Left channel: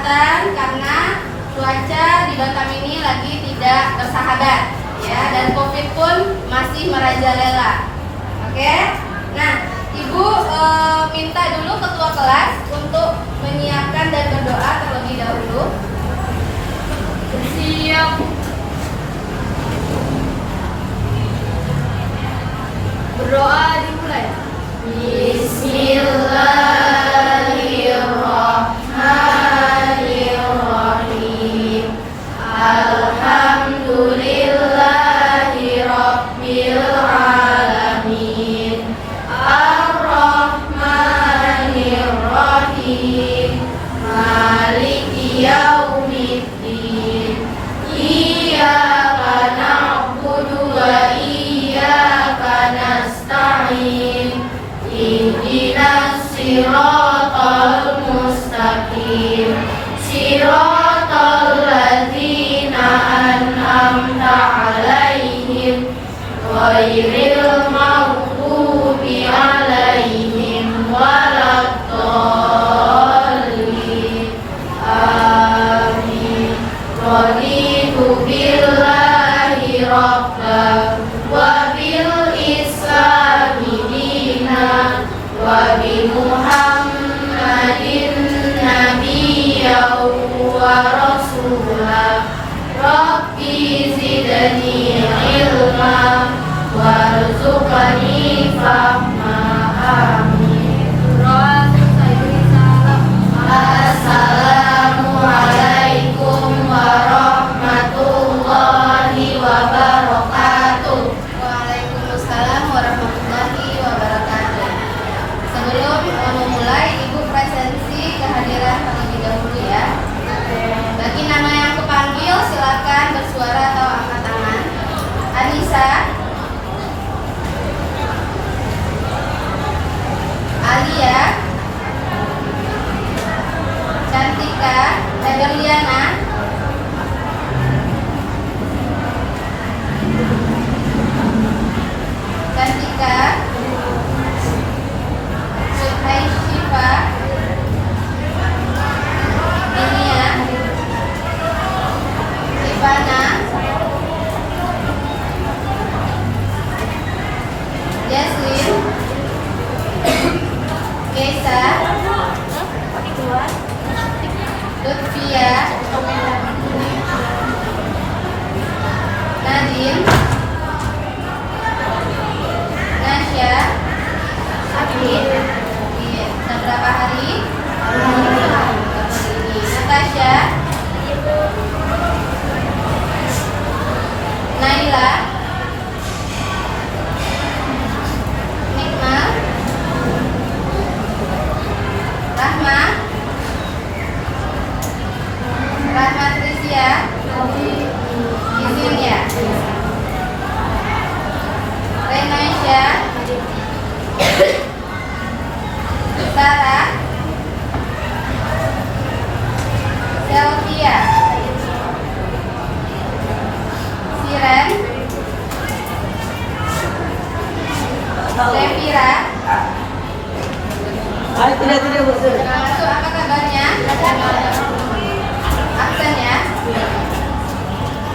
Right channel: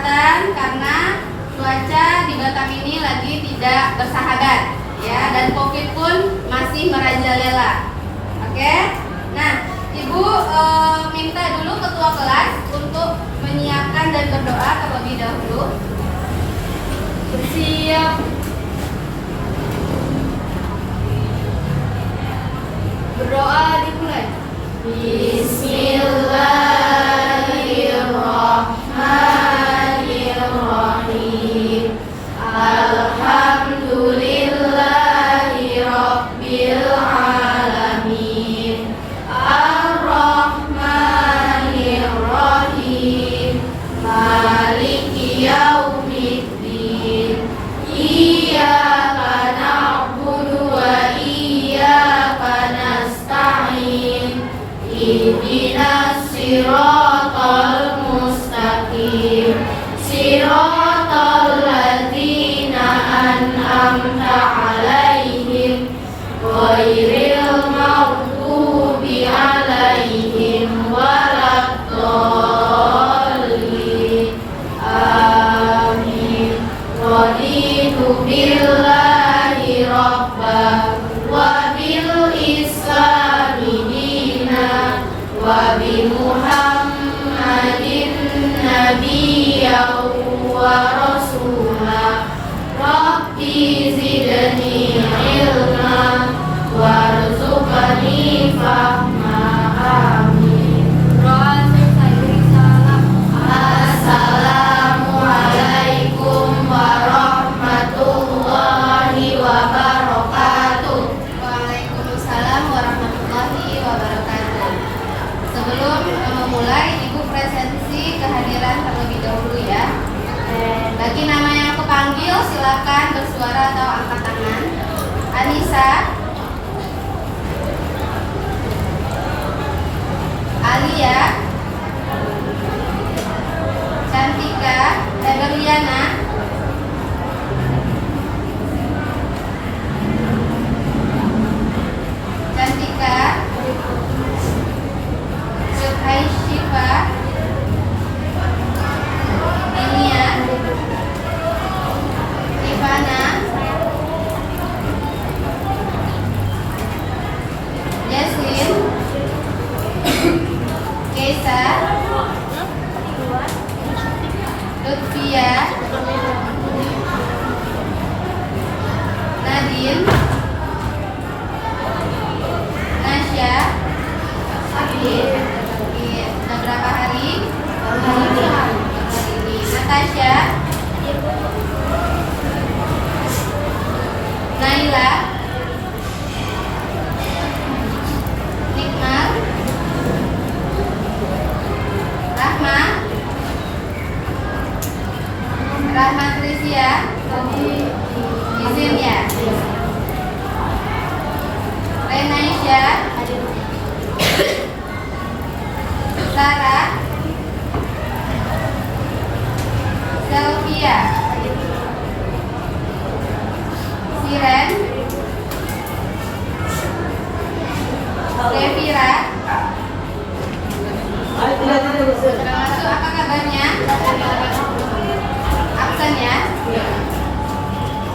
kesehatan karena cuaca di Batam ini lagi tidak bersahabat ya, dan COVID pun masih merajalela. Oke. Nah, Ibu minta dulu ketua kelas untuk menyiapkan dan berdoa terlebih dahulu. Siap. Berdoa dimulai. Bismillahirrahmanirrahim. Alhamdulillahi Rabbil alamin. Ar-Rahmanir-Rahim. Maliki yaumiddin. Iyyaka na'budu wa iyyaka nasta'in. Ihdinas siratal mustaqim. Siratal ladzina an'amta 'alaihim ghairil maghdubi 'alaihim waladdallin. Amin. Raditu billahi rabban wa bil islami dinan wa bi Muhammadin nabiyyan wa rasulah. Rabbi zidni ilma warzuqni fahma. Amin. Assalamualaikum warahmatullahi wabarakatuh. Waalaikumsalam warahmatullahi wabarakatuh. Sebelum memulai, Ibu presensi kehadiran terlebih dahulu ya. Bagi nama yang kepanggil silakan bersuara atau angkat tangan. Anissa, Alia, Cantika, Eberliana, Cantika, Aisyifa, Dinia, Ivana, Jasmine, Keisa, Lutfia, Nadine, Nasya, sakit sudah berapa hari? Natasha, Naila, Nikmal, Rahma, Rahmat Rizia, izin ya. Renaisha, Sarah, Selvia, Siren, Levira. Masuk, apa kabarnya? Absen ya.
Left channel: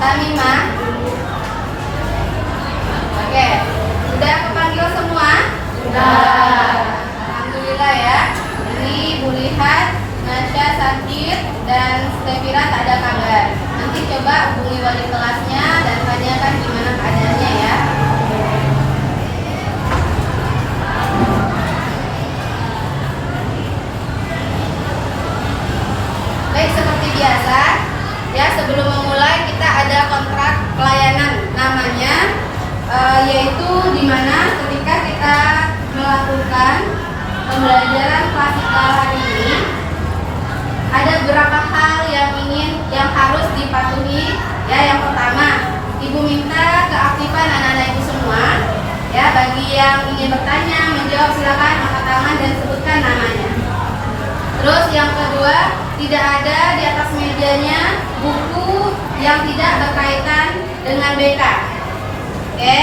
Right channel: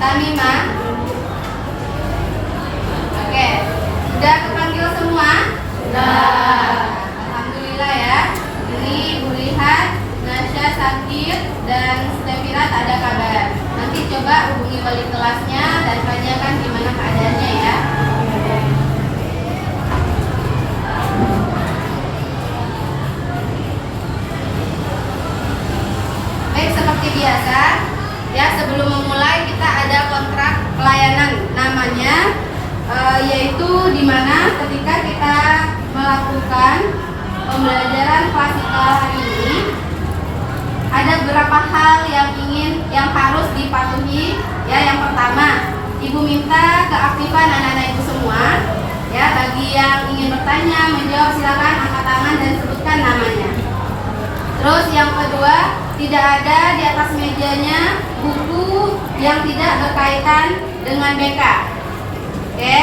Tamima. Oke, sudah kepanggil semua? Sudah. Alhamdulillah ya. Ini Bu lihat Nasya sakit dan Stevira tak ada kabar. Nanti coba hubungi wali kelasnya dan tanyakan gimana keadaannya ya. Baik, seperti biasa ya, sebelum memulai kita ada kontrak pelayanan namanya, yaitu dimana ketika kita melakukan pembelajaran klasikal hari ini ada beberapa hal yang harus dipatuhi ya. Yang pertama, Ibu minta keaktifan anak-anak Ibu semua ya. Bagi yang ingin bertanya, menjawab, silakan angkat tangan dan sebutkan namanya. Terus yang kedua, tidak ada di atas mejanya buku yang tidak berkaitan dengan BK. Oke.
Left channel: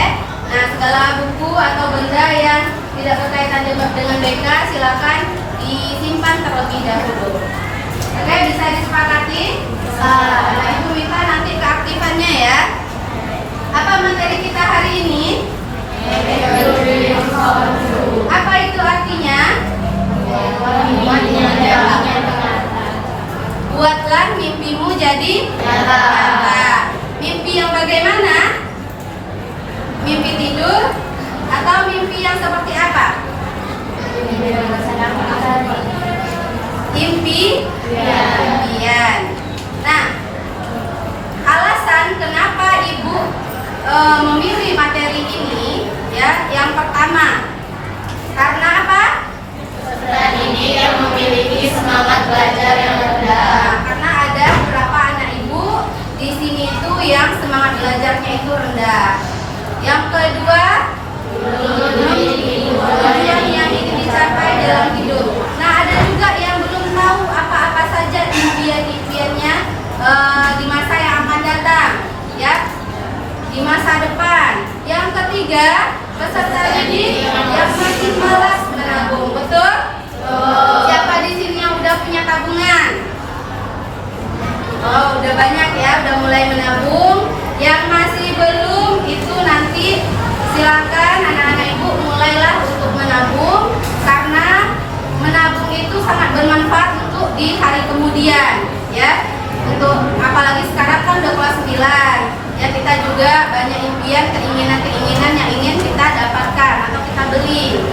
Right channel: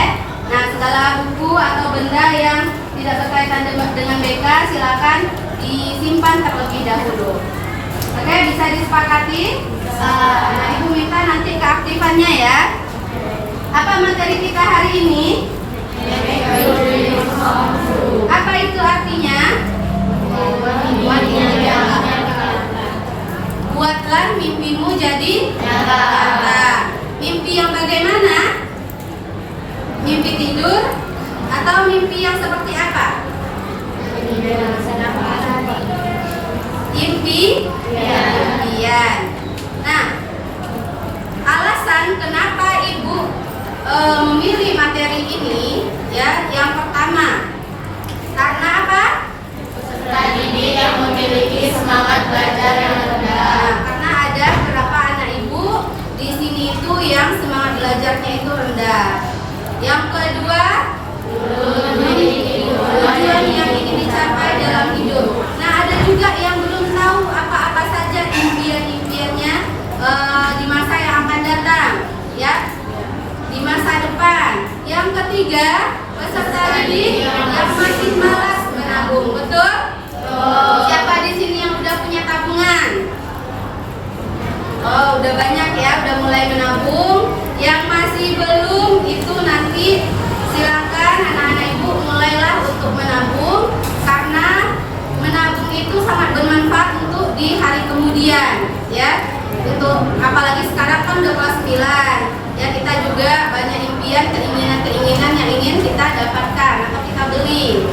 Nah, segala buku atau benda yang tidak berkaitan dengan BK silakan disimpan terlebih dahulu. Oke, bisa disepakati hari ini? Apa itu artinya? Buatlah mimpimu jadi nyata. Mimpi yang bagaimana? Mimpi tidur atau mimpi yang seperti apa? Impian. Nah, alasan kenapa Ibu memilih materi ini, ya, yang pertama, karena apa? Peserta didik yang memiliki semangat belajar yang rendah. Nah, karena ada beberapa anak Ibu di sini itu yang semangat belajarnya itu rendah. Yang kedua, tujuan yang ingin dicapai dalam hidup. Nah, ada juga yang belum tahu apa-apa saja impian-impiannya di masa yang akan datang, ya, di masa depan. Yang ketiga, peserta didik yang masih malas menabung, betul? Siapa di sini yang udah punya tabungan? Oh, udah banyak ya, udah mulai menabung. Yang masih belum itu nanti silakan anak-anak Ibu mulailah untuk menabung, karena menabung itu sangat bermanfaat untuk di hari kemudian, ya. Untuk apalagi sekarang kan udah kelas 9, ya, kita juga banyak impian, keinginan-keinginan yang ingin kita dapatkan atau kita beli.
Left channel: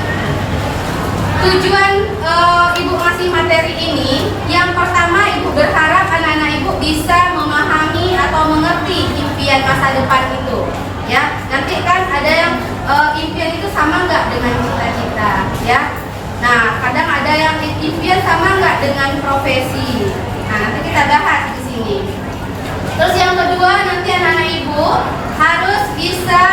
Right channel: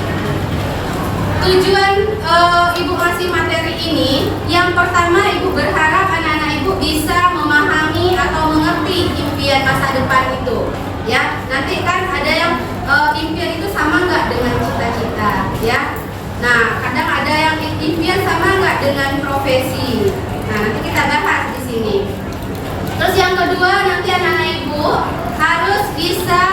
Tujuan Ibu ngasih materi ini, yang pertama Ibu berharap anak-anak Ibu bisa memahami atau mengerti impian masa depan itu, ya. Nanti kan ada yang impian itu sama nggak dengan cita-cita, ya. Nah, kadang ada yang impian sama nggak dengan profesi. Nah, nanti kita bahas di sini. Terus yang kedua, nanti anak-anak Ibu harus bisa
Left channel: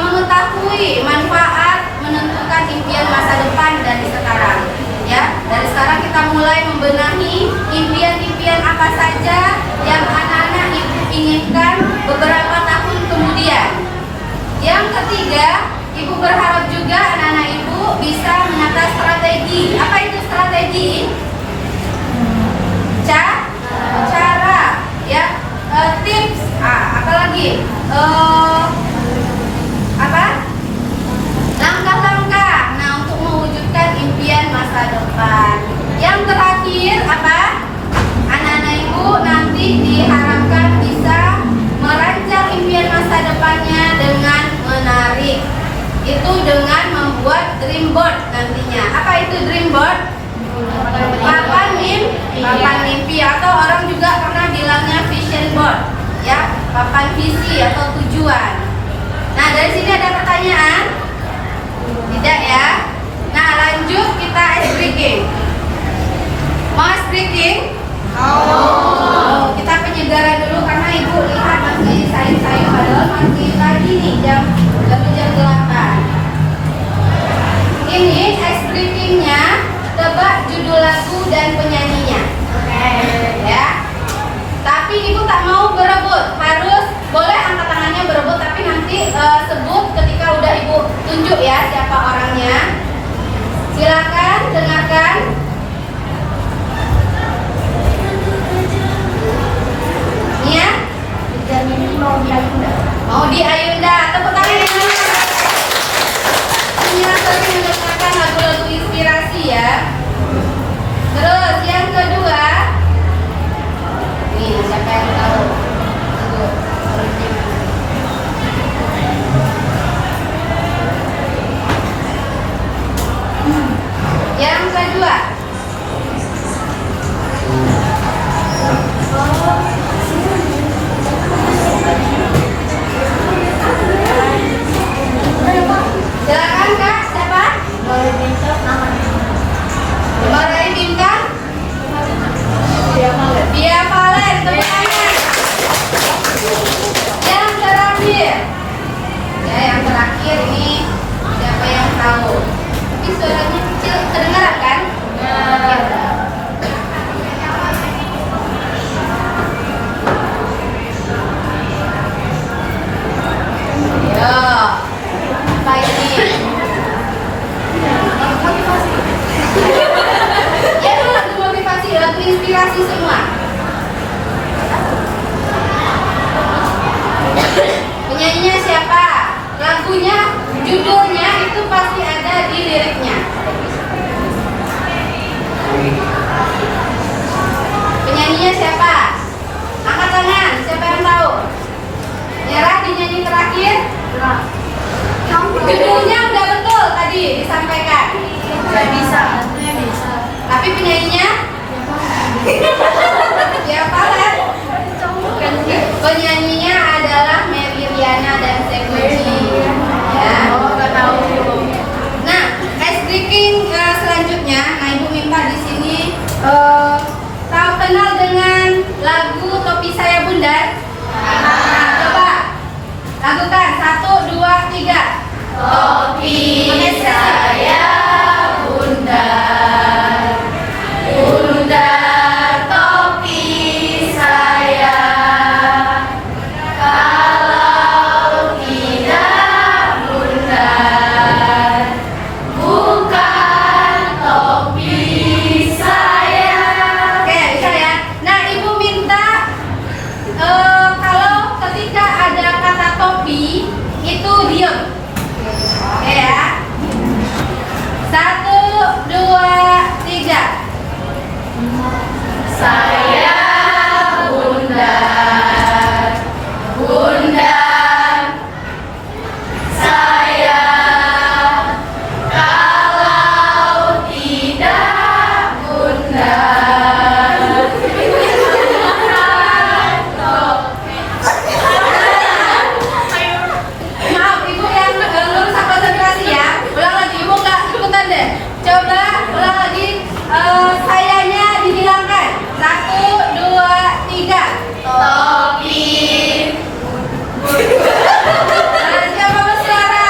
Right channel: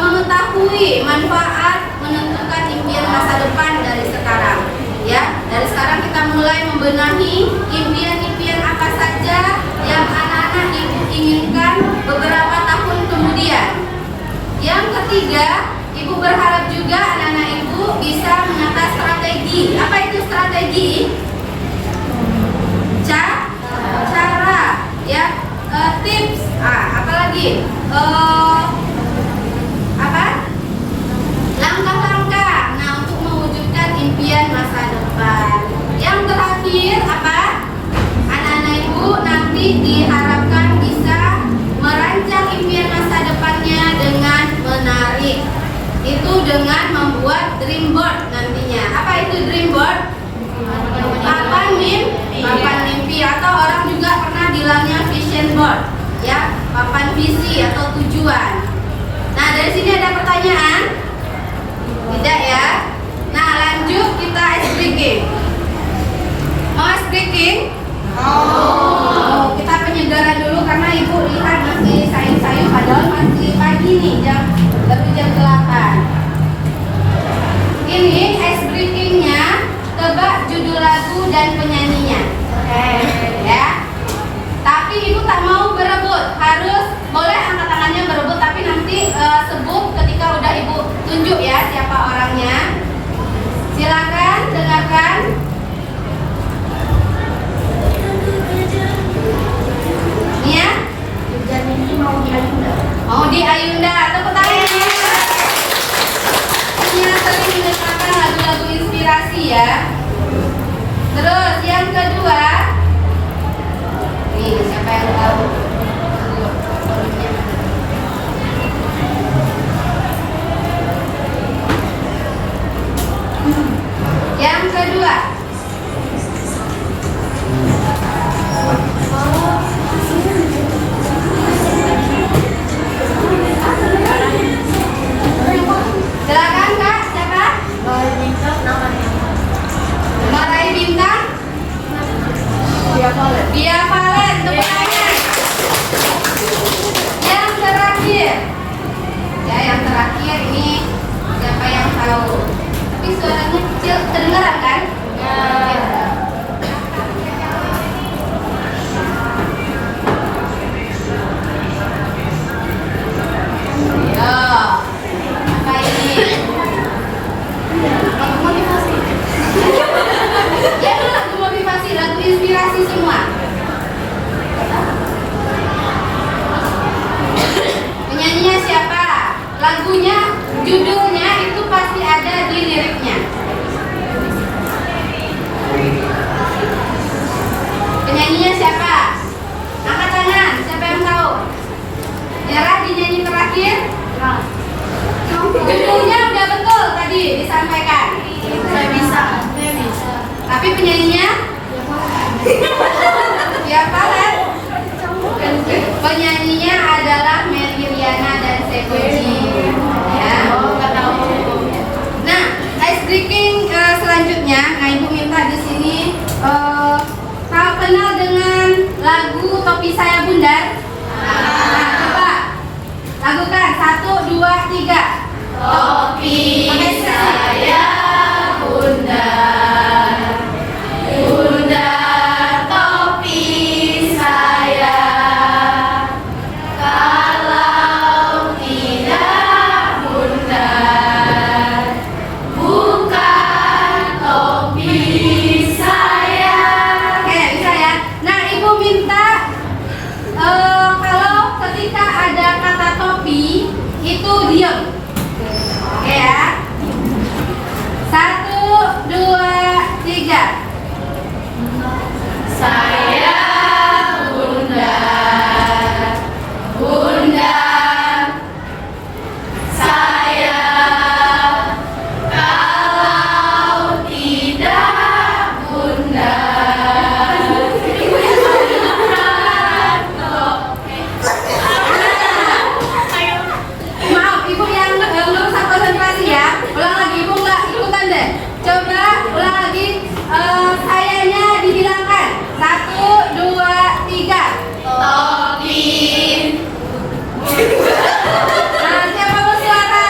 mengetahui manfaat menentukan impian masa depan dari sekarang, ya. Dari sekarang kita mulai membenahi impian-impian apa saja yang anak-anak Ibu inginkan beberapa tahun kemudian. Yang ketiga, Ibu berharap juga anak-anak Ibu bisa menata strategi. Apa itu strategi? Cara, ya, tips, apalagi langkah-langkah. Nah, untuk mewujudkan impian masa depan. Yang terakhir apa? Anak-anak Ibu nanti diharapkan bisa merancang impian masa depannya dengan menarik. Itu dengan membuat dream board nantinya. Apa itu dream board? Papan mimpi atau orang juga pernah bilangnya vision board, ya, papan visi atau tujuan. Nah, dari sini ada pertanyaan? Tidak, ya. Nah, lanjut kita ice breaking. Mau ice breaking? Oh, kita penyegaran dulu karena Ibu lihat masih sayur-sayur padahal masih pagi nih, jam 8. Ini ice breakingnya, tebak judul lagu dan penyanyinya. Oke, ya. Tapi Ibu tak mau berebut, harus boleh angkat tangannya berebut, tapi nanti sebut ketika udah Ibu tunjuk ya siapa orangnya. Silakan dengarkan. Ini ya. Mau di Ayunda. Tepuk tangannya. Ini sering mengerjakan lagu-lagu inspirasi, ya. Terus yang kedua, nih siapa yang tahu? Yang kedua, silakan Kak, siapa? Marahi Bintang. Dia Valen, tepuk tangan. Yang terakhir, ya, yang terakhir ini siapa yang tahu? Tapi suaranya kecil, kedengaran kan? Ya. Apa ini? Motivasi. Ya, itu lagu motivasi, lagu inspirasi semua. Penyanyinya siapa? lagunya, judulnya itu pasti ada di liriknya. Penyanyinya siapa? Angkat tangan, siapa yang tahu? Tiara dinyanyi terakhir? Judulnya udah betul tadi disampaikan. Saya bisa. Tapi penyanyinya? Siapa ya? Penyanyinya adalah Mary Riana dan Sekuji. Ya. Nah, ice breaking selanjutnya, nah Ibu minta di sini tahu kenal dengan lagu Topi Saya Bundar? Nah, coba lakukan 1, 2, 3. Topi saya bundar, bundar topi saya. Kalau tidak bundar, bukan topi saya. Oke, bisa ya. Nah, Ibu minta kalau ketika ada kata topi itu diam. Oke ya. 1, 2, 3. Saya bundar, bundar saya. Kalau tidak bundar, Maaf, Ibu yang merusak konsentrasi ya. Ulang lagi, Ibu nggak ikutan deh. Coba ulang lagi. Sayanya dihilangkan. 1, 2, 3. topi. Nah, siapa bersuara?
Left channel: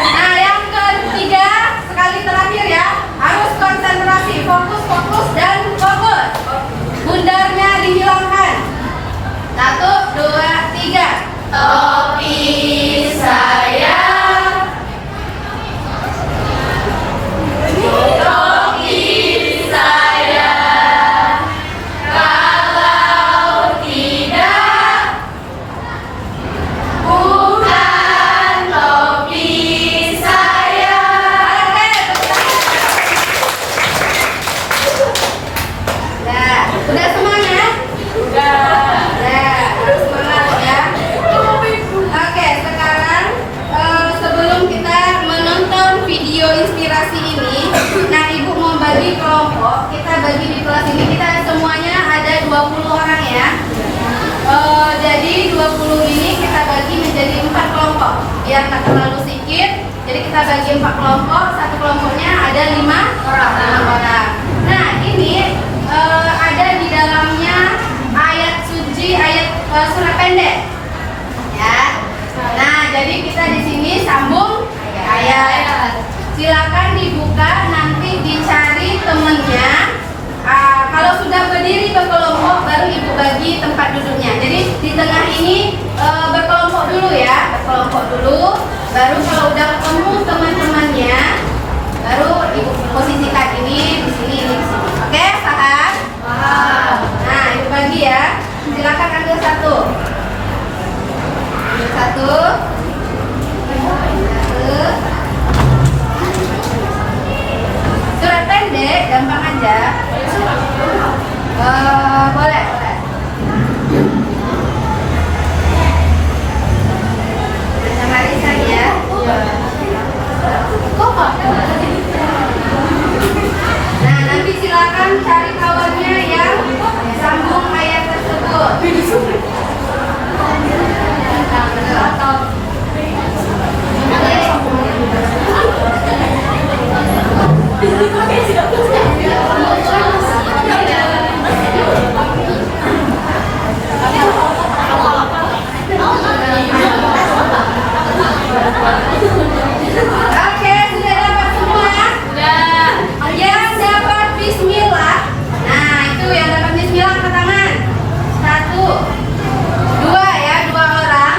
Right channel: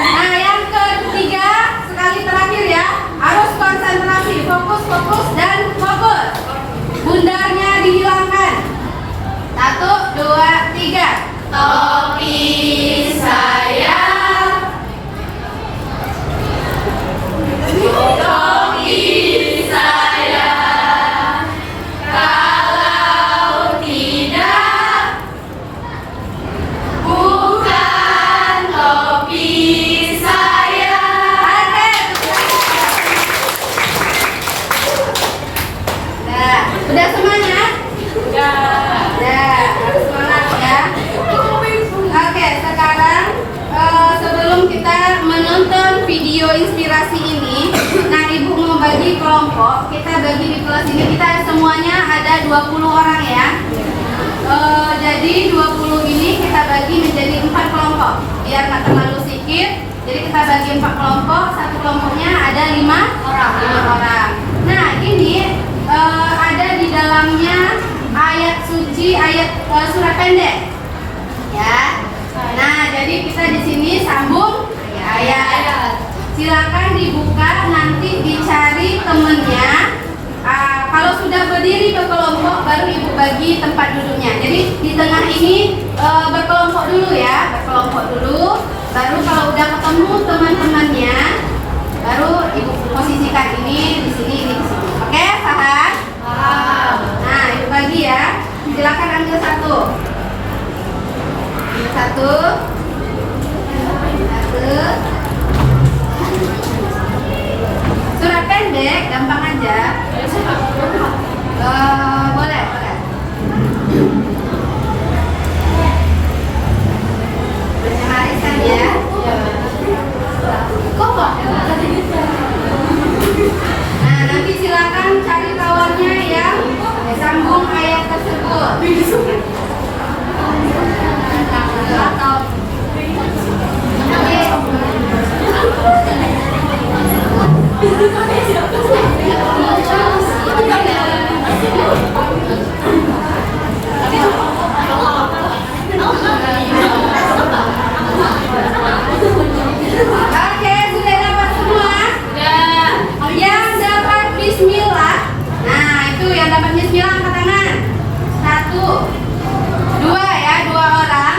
Nah, yang ketiga sekali terakhir ya. Harus konsentrasi, fokus, fokus dan fokus. Bundarnya dihilangkan. 1, 2, 3. Topi saya, topi saya. Kalau tidak, bukan topi saya. Oke, ya, udah semuanya? Ya, harus semangat ya. Oke, sekarang sebelum kita menonton video inspirasi ini, nah Ibu mau bagi kelompok. Kita bagi di kelas ini, kita semuanya ada 20 orang ya. Jadi 20 ini kita bagi menjadi 4 kelompok biar nggak terlalu sedikit. Jadi kita bagi 4 kelompok, satu kelompoknya ada 5 orang. Nah, ini ada di dalamnya ayat suci, ayat surat pendek. Ya. Nah, jadi kita di sini sambung ayat. Silakan dibuka, nanti dicari temennya. Kalau sudah berdiri berkelompok, baru Ibu bagi tempat duduknya. Jadi di tengah ini berkelompok dulu ya, berkelompok dulu. Baru kalau udah ketemu teman-temannya, baru Ibu posisikan ini di sini, ini di sini. Oke, paham? Nah, Ibu bagi ya. Silakan ambil satu. Satu. Surat pendek, gampang aja. Boleh, boleh. Bersama Risan ya. Nah, nanti silakan cari kawannya yang sambung ayat tersebut. Oke, sudah dapat semua? Sudah. Yang dapat bismillah. Nah, itu yang dapat bismillah angkat tangan. 1, 2 ya, 2 orang.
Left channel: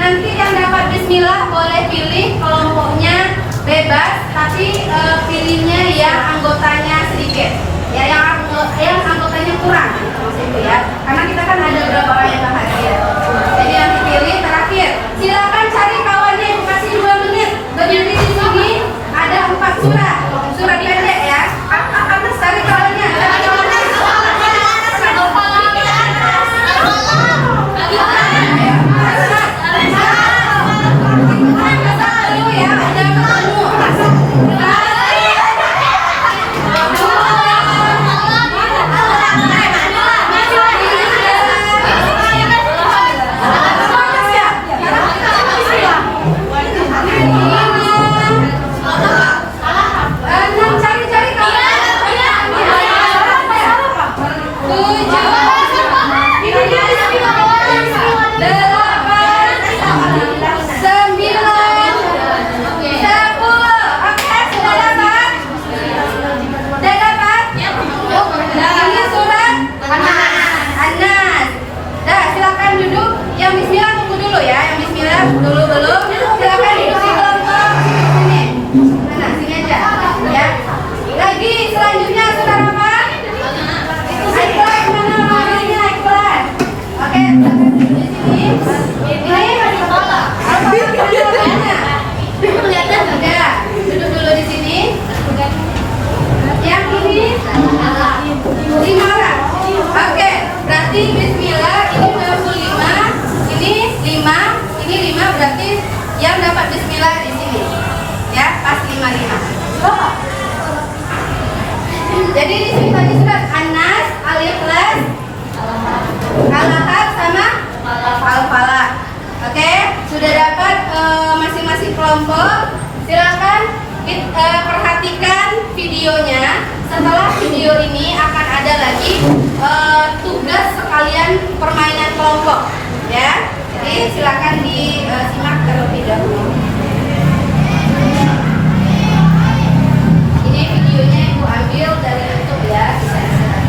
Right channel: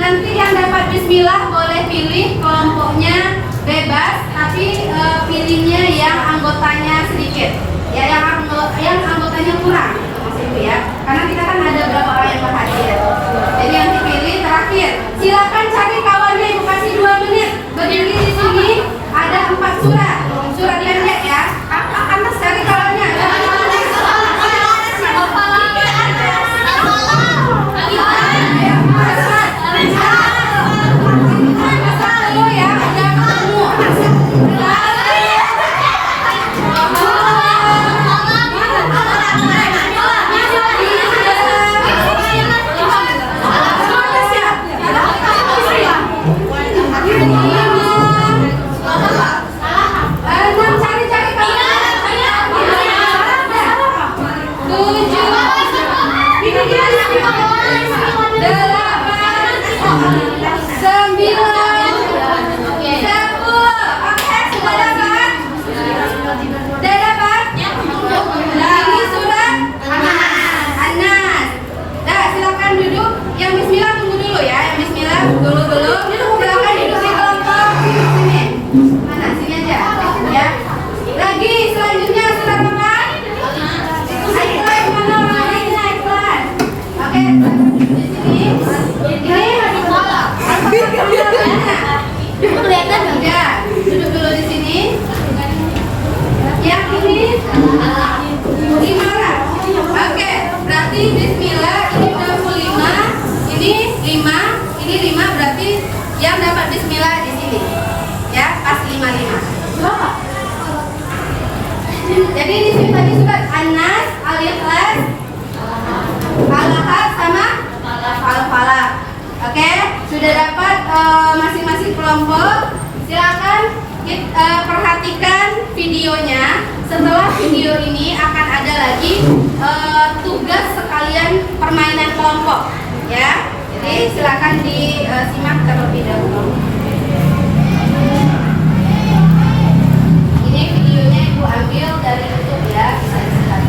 Nanti yang dapat bismillah boleh pilih kelompoknya bebas, tapi pilihnya yang anggotanya sedikit. Lihatnya enggak? Duduk dulu di sini. Yang ini 5 orang. Oke, berarti bismillah ini 65, ini 5, ini 5 berarti yang dapat bismillah di sini. Ya, pas 55. Jadi di sini tadi surat An-Nas, Al-Ikhlas, Al-Lahab sama Al-Falaq. Oke, sudah dapat masing-masing kelompok. Silakan perhatikan videonya. Setelah video ini akan ada lagi tugas sekalian permainan kelompok, ya. Jadi silakan disimak terlebih dahulu. Ini videonya Ibu ambil dari YouTube ya. Bisa disilakan.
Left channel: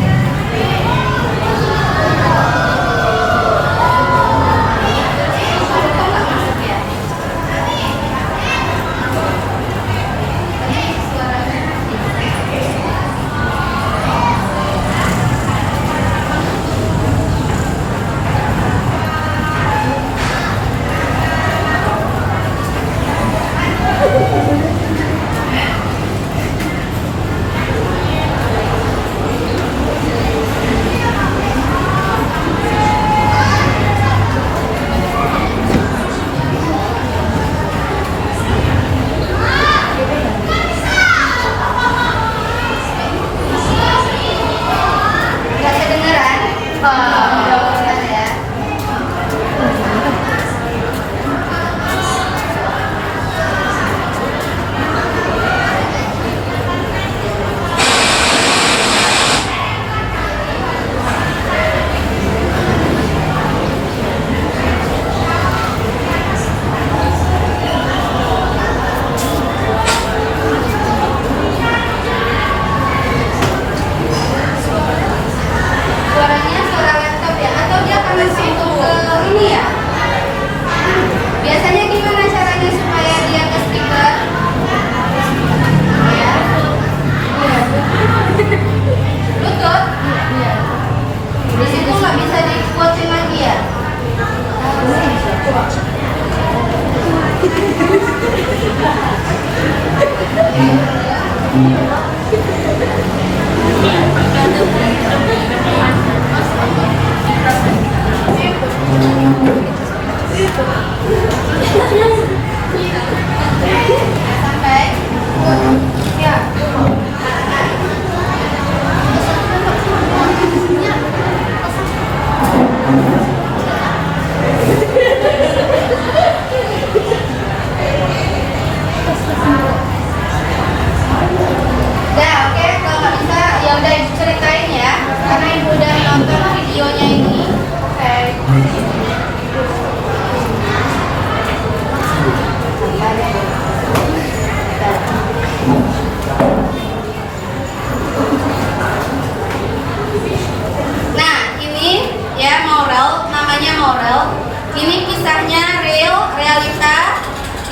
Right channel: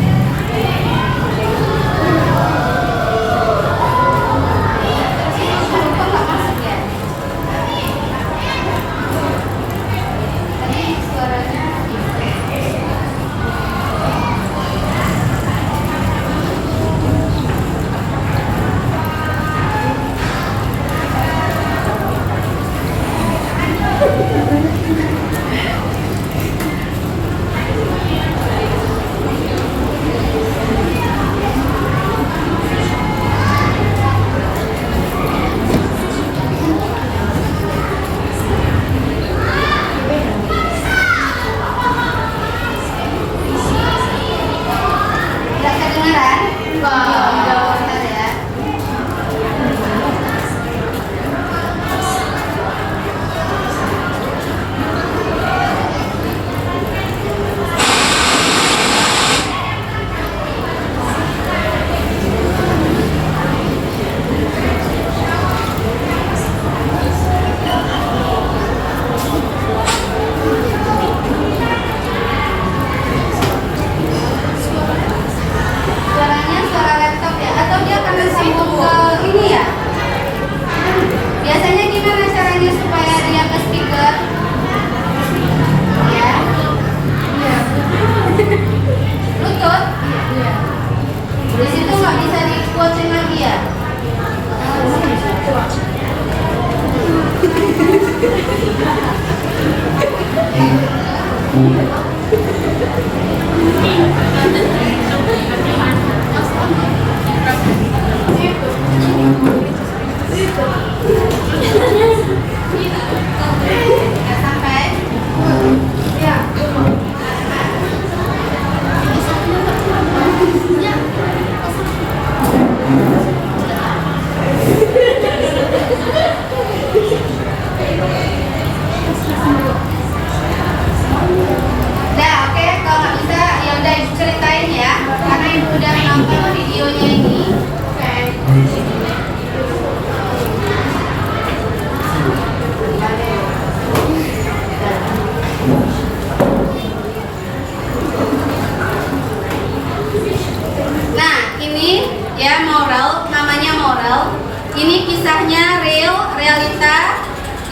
Ini kisahnya realita.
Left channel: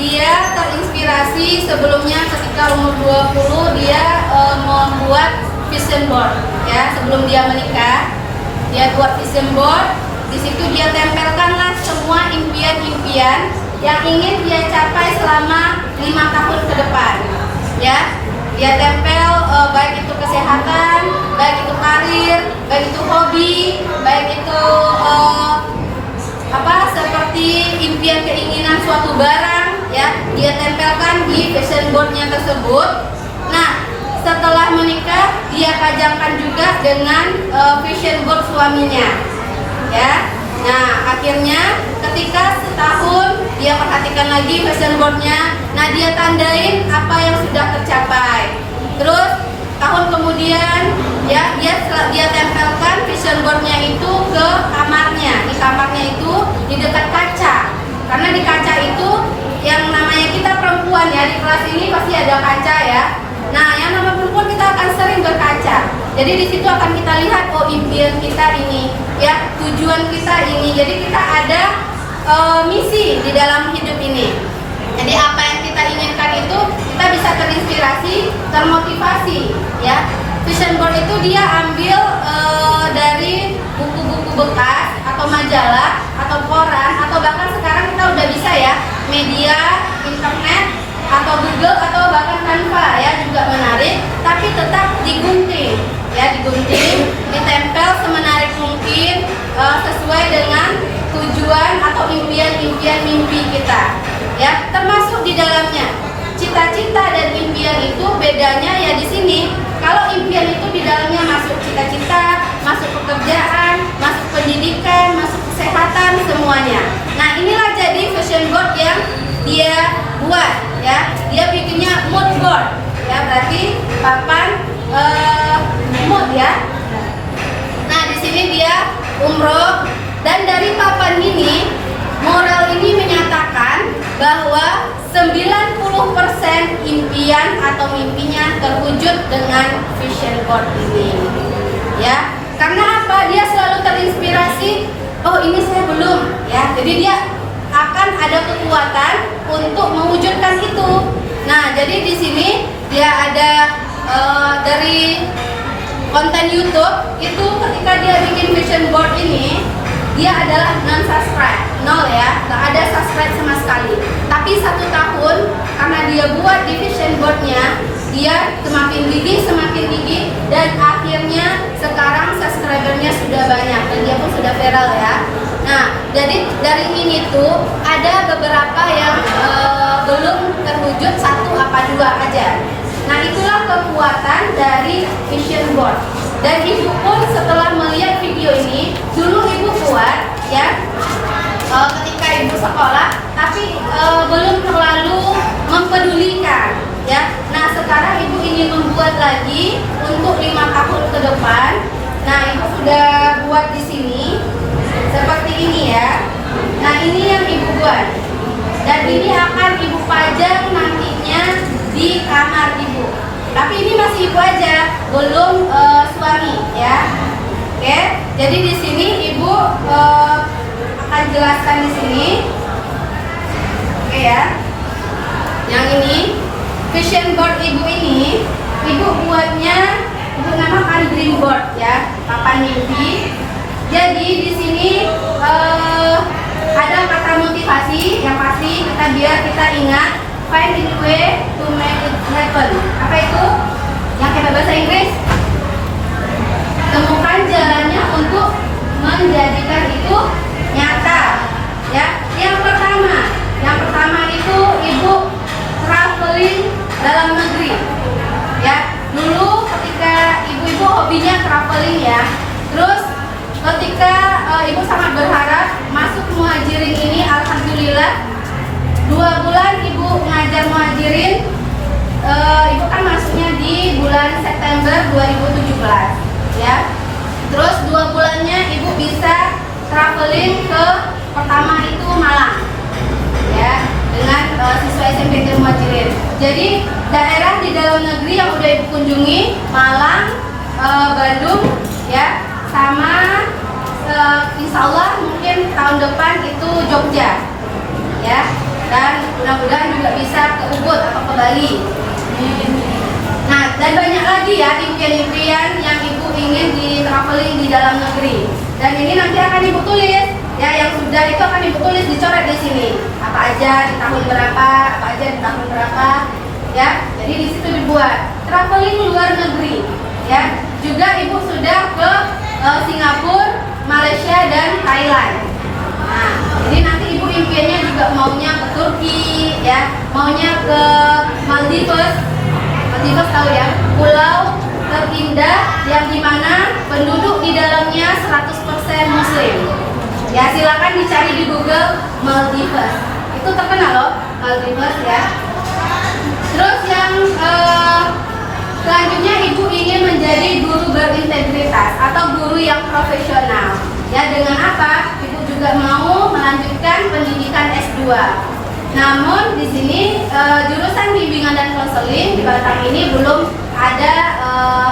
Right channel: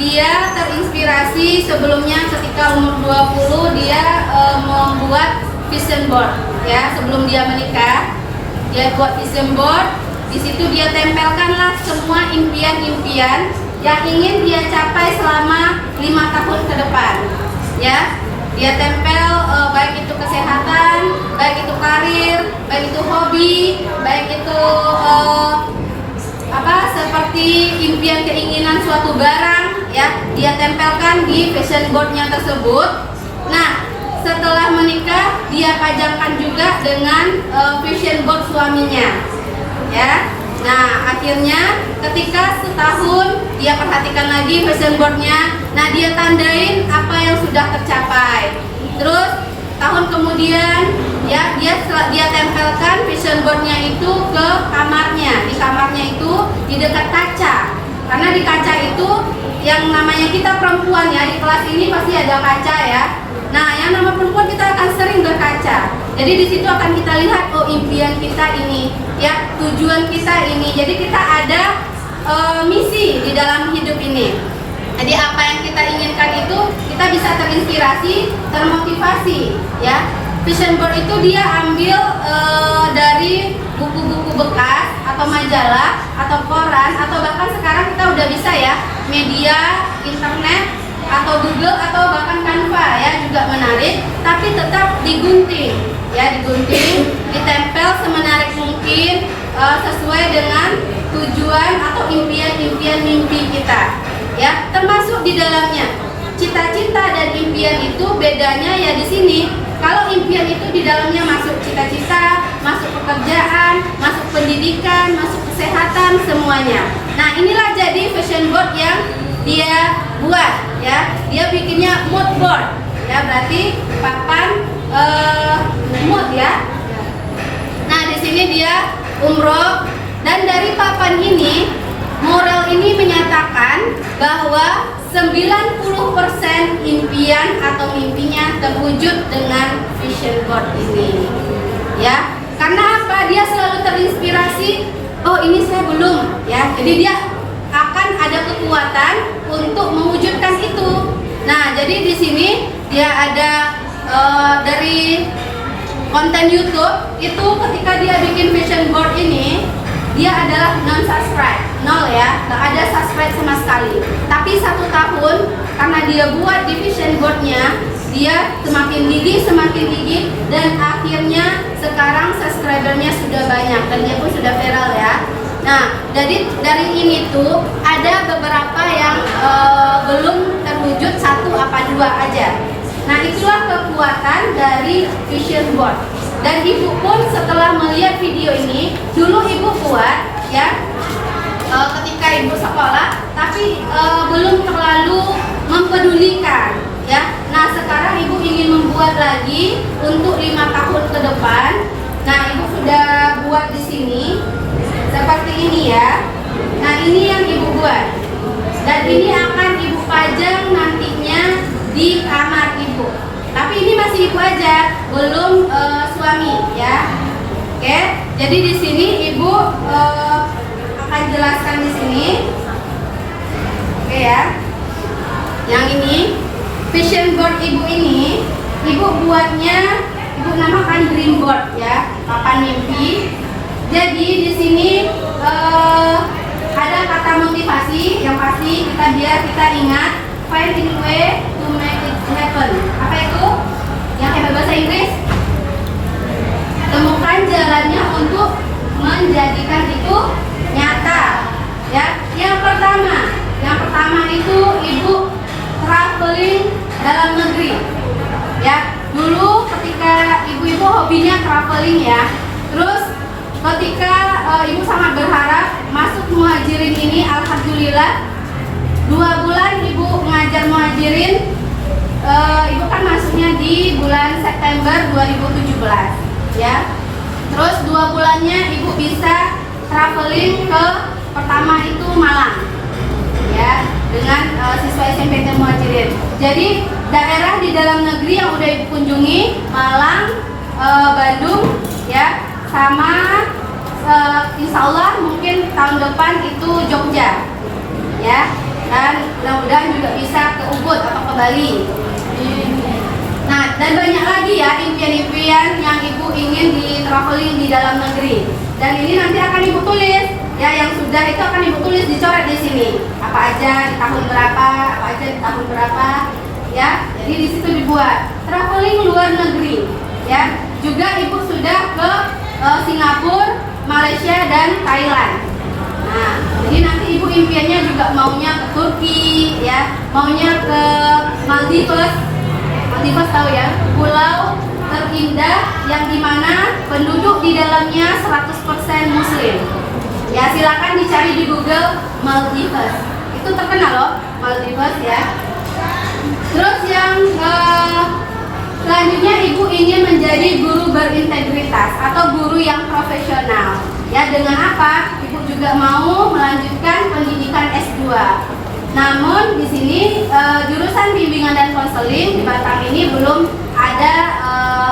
Dia terinspirasi sebelumnya ketika umur 20 dia membuat vision board ya, sebelum dia menikah. Dia buat vision board. Di situ dia tempelkanlah semua impian-impian yang ingin dia capai selama 5 tahun ke depan. Ya, dia tempel baik itu kesehatan, baik itu karir, baik itu hobi, baik itu seperti impian keinginan suatu barang ya, dia tempelkan di vision boardnya tersebut. Nah, setelah menikah dia pajangkan juga dengan vision board suaminya ya. Nah, akhirnya ketika setahun dia perhatikan lagi vision boardnya. Nah, dia tandain apa yang sudah tercapai. Terus tahun kemudian ya dia tempelkan vision boardnya itu ke kamarnya. Di kamarnya itu di dekat kaca. Karena di kaca itu yang namanya kita perempuan ya, di kelas ini pasti ada kaca ya. Nah, yang namanya perempuan kita akan sering berkaca. Jadi di situ akan kita lihat oh impian kita ini, ya tujuan kita ini. Jadi kita ada misi di dalam hidup ini. Jadi apa yang kita inginkan itu kita bisa terinspirasi, termotivasi, ya. Vision board itu dia ambil dari buku-buku bekas atau atau majalah atau koran atau bahkan sekarang kita udah bisa ya media internet atau Google atau bahkan Canva ya juga menarik, tapi tetap digunting ya, digunting, ditempel semenarik mungkin sesuai dengan tujuan atau impian-impian mimpi kita ya, termasuk di dalamnya cita-cita dan impian itu bedanya ya di sini. Kalau impian itu di dalamnya masuk cita-cita, masuk pekerjaan, masuk pendidikan, masuk kesehatan, semuanya. Nah, inilah jadi vision board yang dia buat ya. Dia bikinnya mood board ya, berarti papan mood ya. Nah, di sini dia umroh, dan dari papan ini moral ini menyatakan bahwa 90% impian atau mimpinya terwujud dengan vision board ini ya. Karena apa? Dia selalu terinspirasi, oh ini saya belum ya. Jadi dia akan ada kekuatan untuk mewujudkan itu. Nah, jadi di sini dia ada dari konten YouTube itu, ketika dia bikin vision board ini dia adalah non subscribe, 0 ya, nggak ada subscribe sama sekali. Tapi 1 tahun karena dia buat di vision boardnya, dia semakin gigih dan akhirnya sekarang subscribernya sudah banyak dan dia pun sudah viral ya. Nah, jadi dari ini tuh ada beberapa yang belum terwujud, 1 apa 2 aja. Nah, itulah kekuatan dari vision board. Dan ibu pun setelah melihat video ini, dulu ibu buat ya ketika ibu sekolah, tapi belum terlalu mempedulikan ya. Nah, sekarang ibu ingin membuat lagi untuk 5 tahun ke depan. Nah, ibu sudah buat di sini seperti ini ya. Nah, ini yang ibu buat, dan ini akan ibu pajang nantinya di kamar ibu. Tapi ini masih ibu aja, belum suami ya. Oke, jadi di sini ibu akan jelaskan di sini. Oke ya. Yang ini vision board ibu ini, ibu buatnya, ibu namakan dream board ya, papan mimpi. Jadi di sini ada kata motivasi yang pasti biar kita ingat, find a way to make it happen. Apa itu? Yang kayak bahasa Inggris? Temukan jalannya untuk menjadikan itu nyata. Ya, yang pertama itu ibu traveling dalam negeri. Ya, dulu ketika ibu-ibu hobinya traveling ya. Terus ketika ibu sangat berharap masuk muhajirin ini, alhamdulillah 2 bulan ibu ngajar muhajirin. Ibu kan masuknya di bulan September 2017 ya. Terus 2 bulannya ibu bisa traveling ke, pertama itu Malang ya, dengan siswa SMP Muhajirin. Jadi daerah di dalam negeri yang udah ibu kunjungi, Malang, Bandung ya, sama insya Allah mungkin tahun depan itu Jogja ya. Dan mudah-mudahan juga bisa ke Ubud atau ke Bali. Nah, dan banyak lagi ya impian-impian yang ibu ingin di traveling di dalam negeri. Dan ini nanti akan ibu tulis ya, yang sudah itu akan ibu tulis, dicoret di sini. Apa aja di tahun berapa, apa aja di tahun berapa ya. Jadi di situ dibuat traveling luar negeri ya. Juga ibu sudah ke Singapura, Malaysia dan Thailand. Nah, ini nanti ibu impiannya juga maunya ke Turki ya, maunya ke Maldives. Maldives tahu ya, pulau terindah yang dimana penduduk di dalamnya 100% Muslim. Ya, silakan dicari di Google Maldives. Itu terkenal loh, Maldives ya. Terus yang selanjutnya ibu ingin menjadi guru berintegritas atau guru yang profesional. Ya, dengan apa? Ibu juga mau melanjutkan pendidikan S2. Namun di sini jurusan bimbingan dan konseling di Batang ini belum ada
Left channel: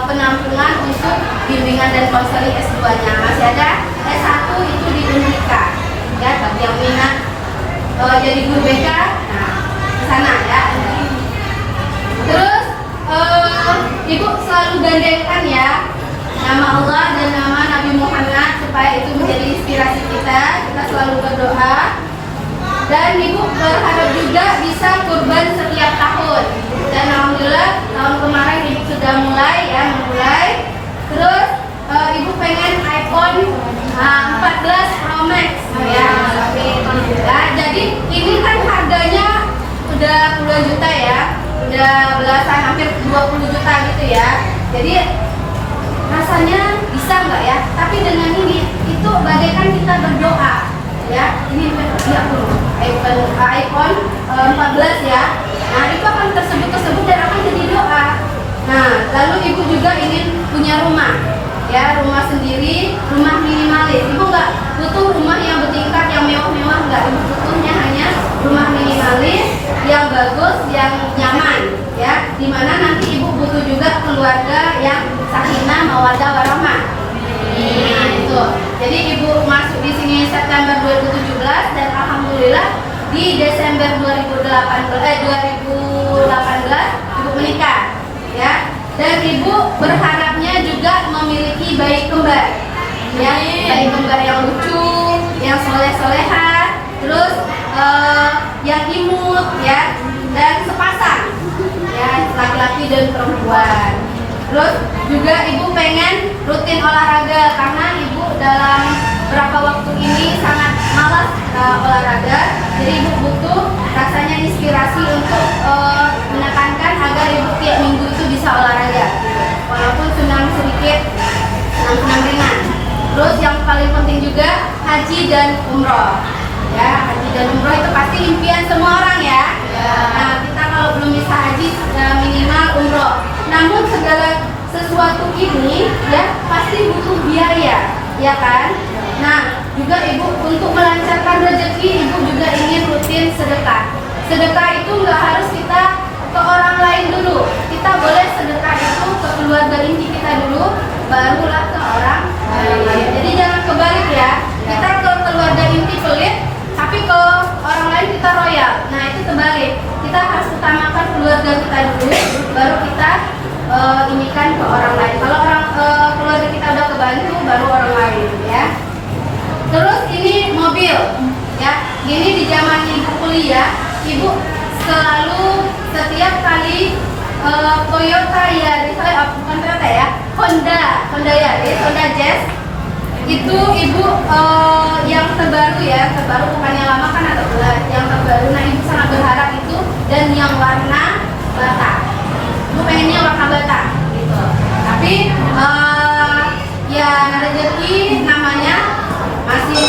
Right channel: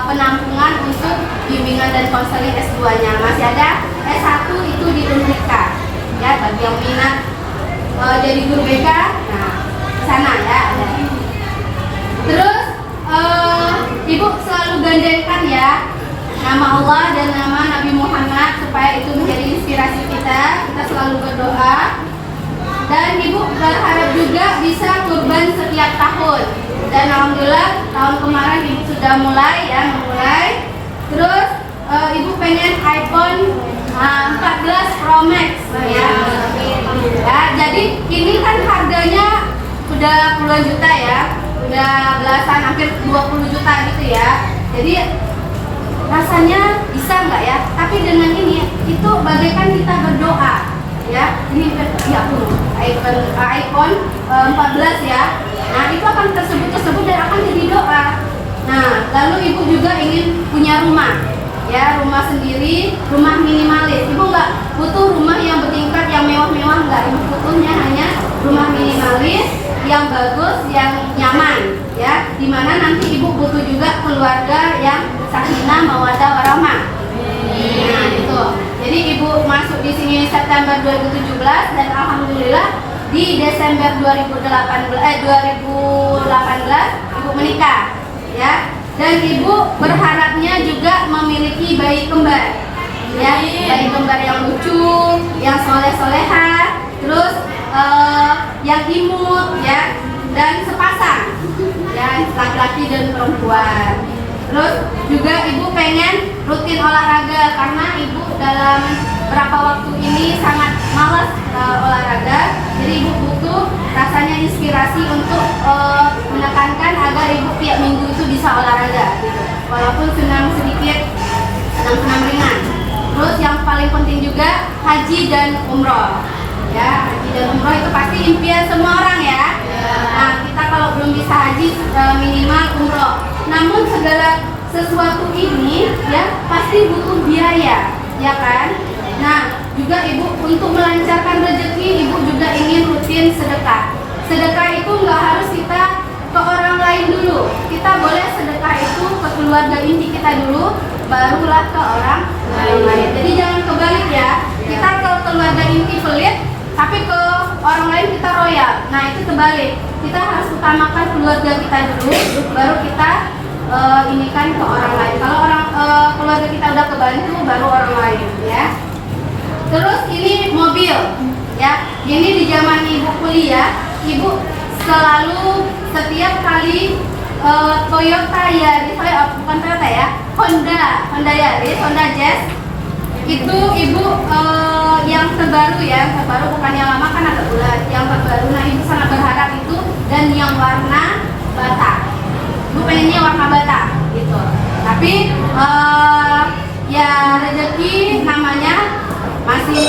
penampungan untuk bimbingan dan konseling S2-nya. Masih ada S1 itu di Unrika. Ya, bagi yang minat jadi guru BK, nah ke sana ya. Terus ibu selalu gandengkan ya nama Allah dan nama Nabi Muhammad supaya itu menjadi inspirasi kita berdoa. Dan ibu berharap juga bisa kurban setiap tahun. Dan alhamdulillah tahun kemarin ibu sudah memulai. Terus ibu pengen iPhone 14 Pro Max ya. Nah, jadi ini kan harganya udah puluhan juta ya, udah belasan hampir 20 juta gitu ya. Jadi rasanya bisa nggak ya? Tapi dengan ini itu bagaikan kita berdoa ya. Ini ya iPhone 14 ya. Nah itu akan tersebut dan akan jadi doa. Nah lalu ibu juga ingin punya rumah ya, rumah sendiri, rumah minimalis. Ibu nggak butuh rumah yang bertingkat, yang mewah-mewah, nggak. Ibu butuhnya hanya rumah minimalis yang bagus, yang nyaman ya, dimana nanti ibu butuh juga keluarga yang sakinah mawaddah warahmah. Nah itu. Jadi ibu masuk di sini September 2017 dan alhamdulillah di Desember 2018 ibu menikah ya. Dan ibu berharapnya juga memiliki bayi kembar ya, bayi kembar yang lucu, yang soleh-soleha, terus yang imut ya, dan sepasang ya, laki-laki dan perempuan. Terus juga ibu pengen rutin olahraga karena ibu dalam beberapa waktu ini sangat malas olahraga. Jadi ibu butuh rasanya inspirasi untuk menekankan agar ibu tiap minggu itu bisa olahraga gitu. Walaupun senam sedikit, senam ringan. Terus yang paling penting juga haji dan umroh ya. Haji dan umroh itu pasti impian semua orang ya. Nah kita kalau belum bisa haji minimal umroh. Namun segala sesuatu ini ya pasti butuh biaya ya kan. Nah juga ibu untuk melancarkan rezeki ibu juga ingin rutin sedekah. Sedekah itu nggak harus kita ke orang lain dulu. Kita boleh sedekah itu ke keluarga inti kita dulu, barulah ke orang lain. Jadi jangan kebalik ya. Kita ke keluarga inti pelit, tapi ke orang lain kita royal. Nah itu kebalik. Kita harus utamakan keluarga kita dulu, baru kita ini kan ke orang lain. Kalau orang keluarga kita udah kebantu, baru orang lain ya. Terus ini mobil ya. Ini di zaman ibu kuliah, ibu selalu setiap kali Toyota Yaris, bukan Toyota ya, Honda Yaris, Honda Jazz itu ibu yang terbaru ya, terbaru bukan yang lama kan agak bulat, yang terbaru. Nah ibu sangat berharap itu dan yang warna bata. Ibu pengennya warna bata gitu. Tapi ya rezeki namanya masih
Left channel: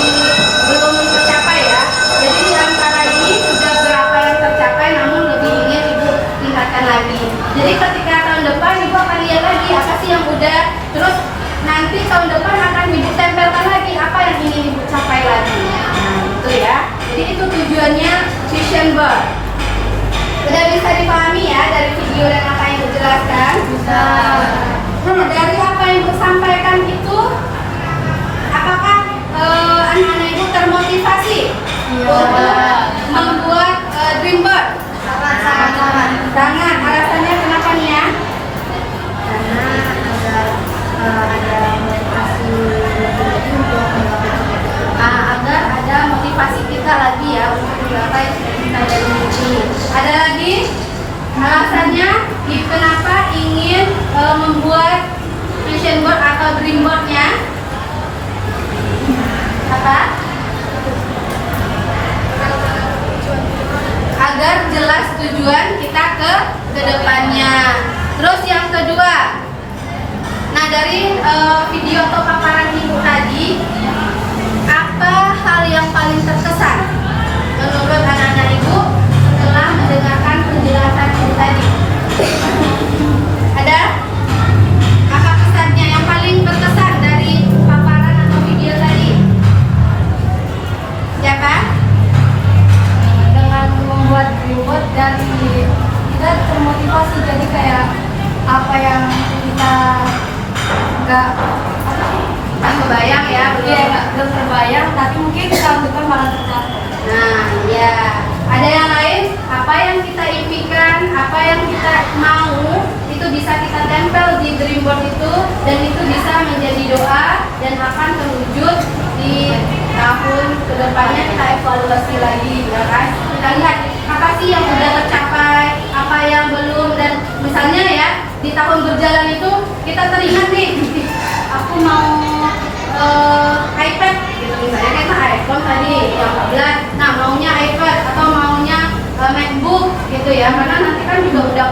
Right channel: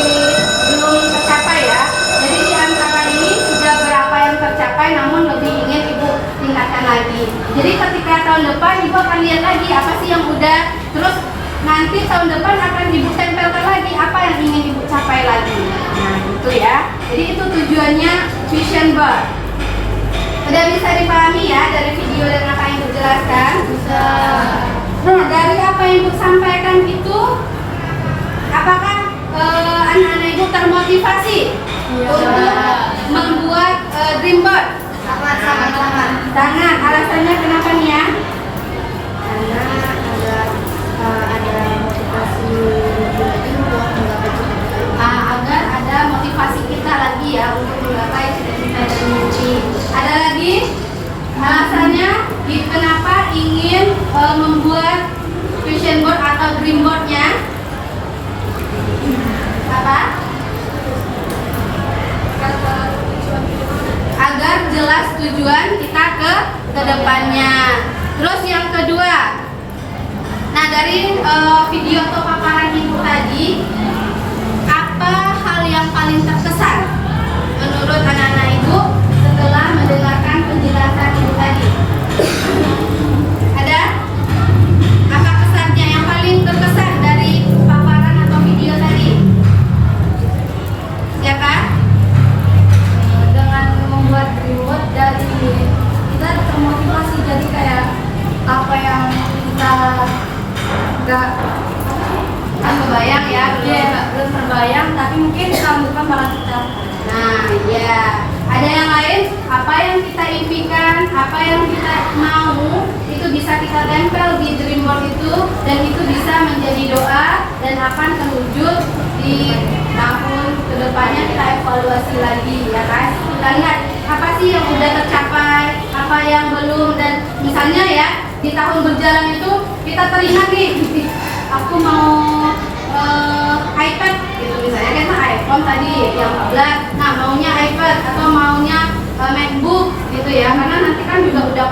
belum tercapai ya. Jadi di antara ini sudah berapa yang tercapai, namun lebih ingin ibu tingkatkan lagi. Jadi ketika tahun depan ibu akan lihat lagi apa sih yang udah, terus nanti tahun depan akan ibu tempelkan lagi apa yang ingin ibu capai lagi. Nah itu ya. Jadi itu tujuannya vision board. Sudah bisa dipahami ya dari video dan apa yang ibu jelaskan? Bisa. Nah dari apa yang ibu sampaikan itu, apakah anak-anak ibu termotivasi untuk membuat dream board? Sangat. Alasannya kenapa nih ya? Karena ada motivasi agar ada motivasi kita lagi ya untuk menggapai cita-cita dari mimpi. Ada lagi alasannya kenapa ingin membuat vision board atau dream boardnya? Apa? Agar jelas tujuan kita ke depannya. Terus yang kedua, nah dari video atau paparan ibu tadi, apa hal yang paling terkesan menurut anak-anak ibu setelah mendengarkan penjelasan ibu tadi? Ada? Apa kesannya yang paling terkesan dari paparan atau video tadi? Siapa? Dengan membuat reward dari kita termotivasi, jadi kayak apa yang kita nggak Kebayang ya, belum terbayang, tapi mungkin tahun depan malah tercapai. Nah, ya. Ada yang lain? Apa yang kita impikan, apa yang kita mau, itu bisa kita tempel di dream board itu, dan itu bisa menjadi doa dan akan terwujud di tahun kedepannya kita evaluasi lagi, ya kan? Kita lihat apa sih yang udah tercapai, apa yang belum, dan misalnya ya di tahun berjalan itu kita teringat nih, aku mau iPad, gitu misalnya kan iPhone tadi yang 14, nah maunya iPad atau maunya MacBook gitu ya, karena nanti kan juga udah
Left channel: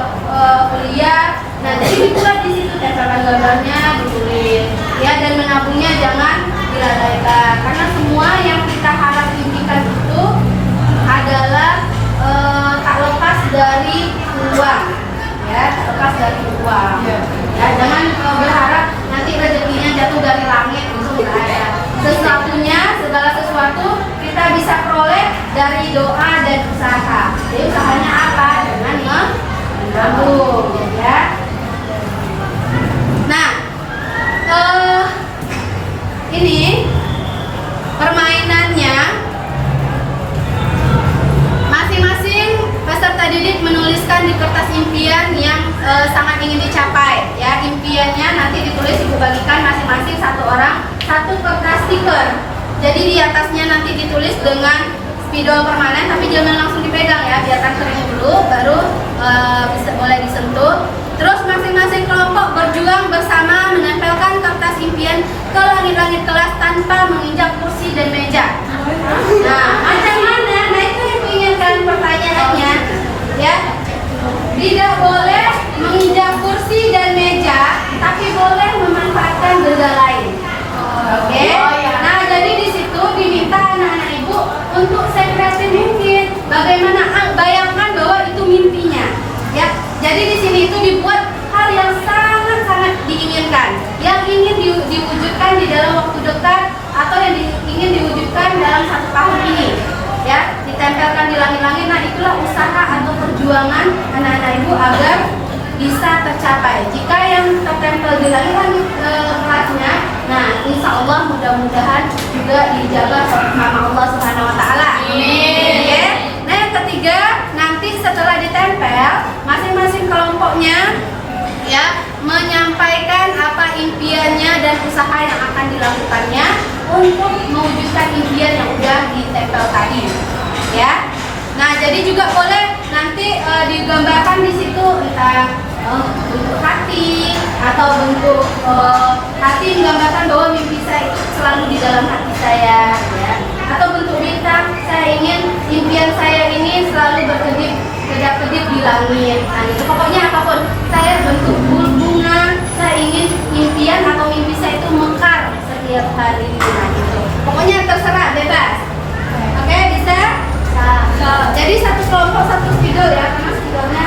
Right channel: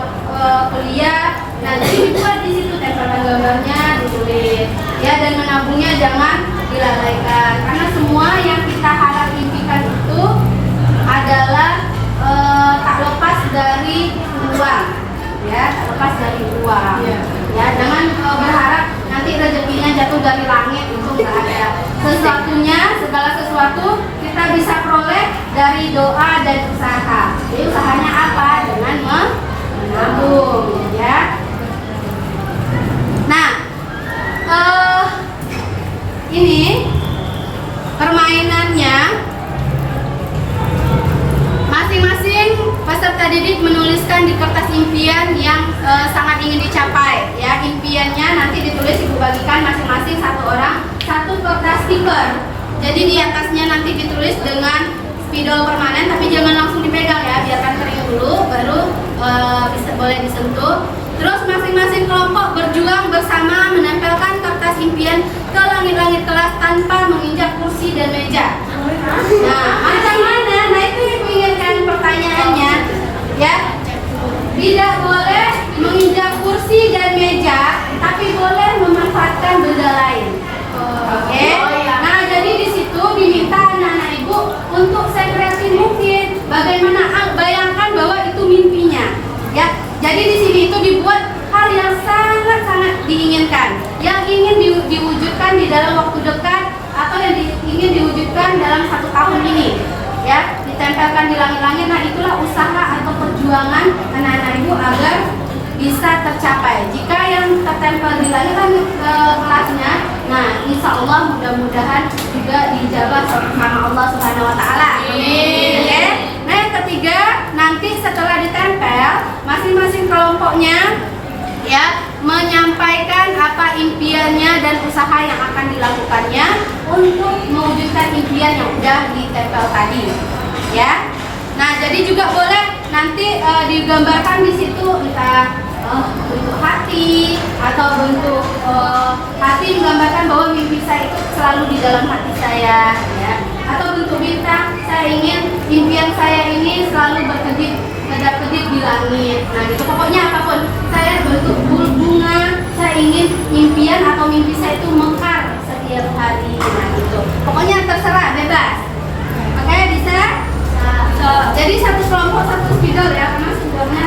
kuliah. Nah jadi dibuat di situ tempelkan gambarnya, ditulis ya, dan menabungnya jangan dilalaikan, karena semua yang kita harap impikan itu adalah tak lepas dari uang, ya, tak lepas dari uang. Ya, jangan berharap nanti rezekinya jatuh dari langit, itu nggak ada. Sesuatunya, segala sesuatu kita bisa peroleh dari doa dan usaha. Jadi usahanya apa? Dengan menabung, ya. Nah, ini permainannya masing-masing peserta didik menuliskan di kertas impian yang sangat ingin dicapai, ya. Impiannya nanti ditulis, ibu bagikan masing-masing satu orang satu kertas stiker. Jadi di atasnya nanti ditulis dengan spidol permanen, tapi jangan langsung dipegang ya, biarkan kering dulu baru bisa boleh disentuh. Terus masing-masing kelompok berjuang bersama menempelkan kertas impian ke langit-langit kelas tanpa menginjak kursi dan meja. Nah, macam mana? Nah itu yang inginkan pertanyaannya, ya. Tidak boleh menginjak kursi dan meja, tapi boleh memanfaatkan benda lain. Oke? Nah, jadi di situ diminta anak-anak ibu untuk sekreatif mungkin. Bagaimana bayangkan bahwa itu mimpinya, ya. Jadi di sini itu dibuat hal yang sangat-sangat diinginkan, yang ingin diwujudkan di dalam waktu dekat atau yang ingin diwujudkan dalam 1 tahun ini, ya. Ditempelkan di langit-langit. Nah, itulah usaha atau perjuangan anak-anak ibu agar bisa tercapai. Jika yang tertempel di langit-langit kelasnya, nah insya Allah mudah-mudahan juga dijabah sama Allah Subhanahu Wa Taala. Ya. Nah yang ketiga, nanti setelah ditempel, masing-masing kelompoknya ya menyampaikan apa impiannya dan usaha yang akan dilakukannya untuk mewujudkan impian yang udah ditempel tadi, ya. Nah jadi juga boleh nanti digambarkan di situ entah bentuk hati atau bentuk hati menggambarkan bahwa mimpi saya itu selalu di dalam hati saya, ya. Atau bentuk bintang, saya ingin impian saya ini selalu berkedip kedap-kedip di langit. Nah itu pokoknya apapun, saya bentuk bunga, saya ingin impian atau mimpi saya itu mekar setiap hari. Nah gitu, pokoknya terserah, bebas. Oke, bisa? Jadi satu kelompok satu spidol ya, karena spidolnya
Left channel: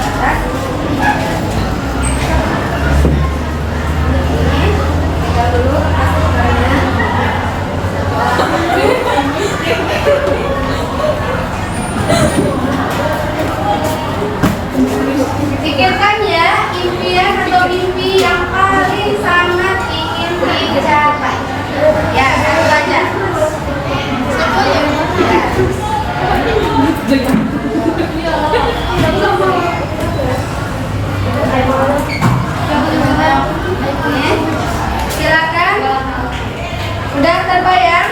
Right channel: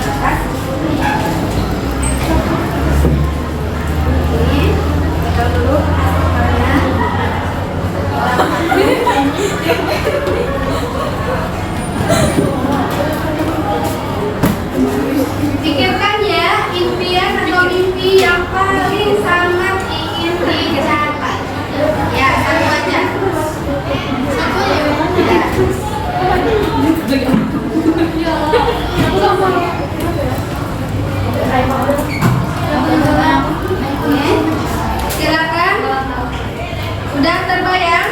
kertas. Ini kita dulu gambarnya. Pikirkan ya impian atau mimpi yang paling sangat ingin dicapai. Ya, satu aja. Silakan. Udah terbayang?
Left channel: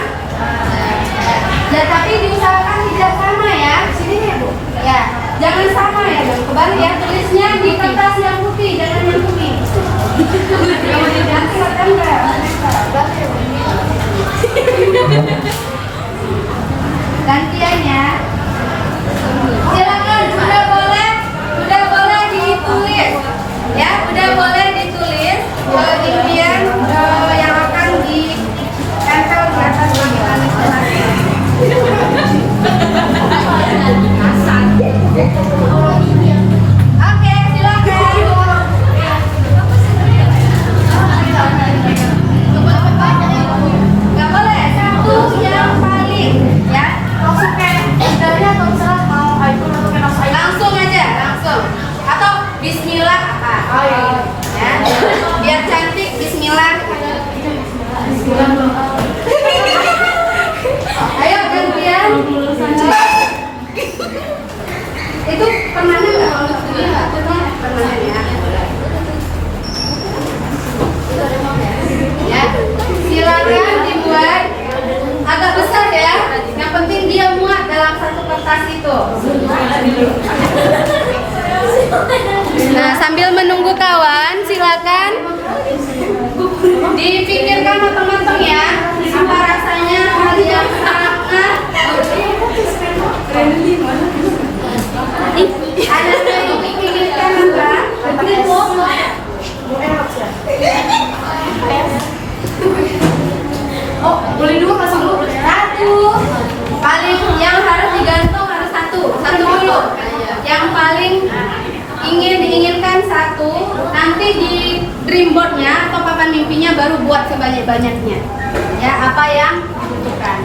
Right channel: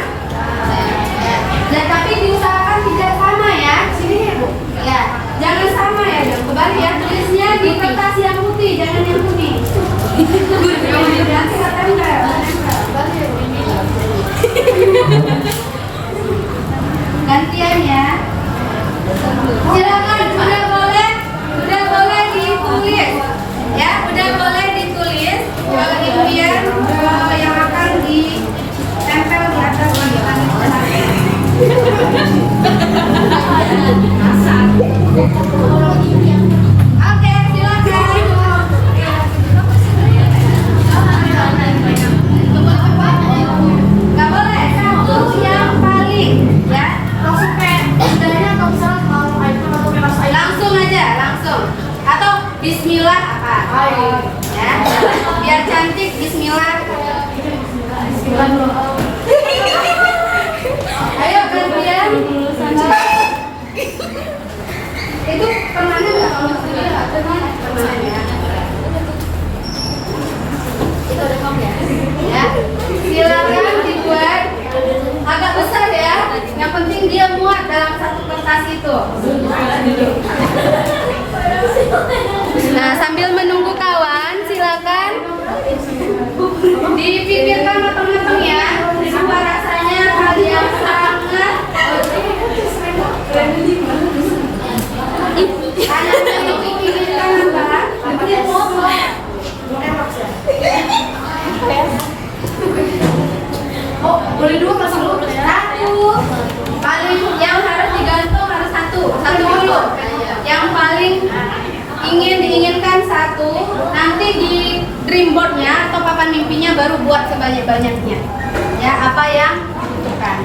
Dan tapi diusahakan tidak sama ya. Sini ya Bu. Ya, jangan sama ya, dan kembali ya. Tulisnya di kertas yang putih, jangan yang putih. Nanti akan gantian ya. Silakan, udah boleh ditulis. Ya, udah boleh ditulis impian yang akan ditempel di atas langit-langit kelas. Oke, silakan. Gak boleh, satu yang paling, ya. Langsung kayak bedanya atau misalnya mau iPhone atau keras iPhone. Langsung aja, langsung. Atau Bismillah apa? Ya. Biar cantik, Bismillah. Bismillah dulu. Ayo gantian. Itu permanen nggak kalau ini nggak permanen ya. Ya, silakan dibuat. Agak Oh, boleh dulu masih dulu. Satu. Paling yang harus digantung harus satu dulu. Yang paling diinginkan satu, nanti di dreamboardnya atau papan mimpinya baru buat sebanyak-banyaknya. Ya, apa yang dibutuhkan.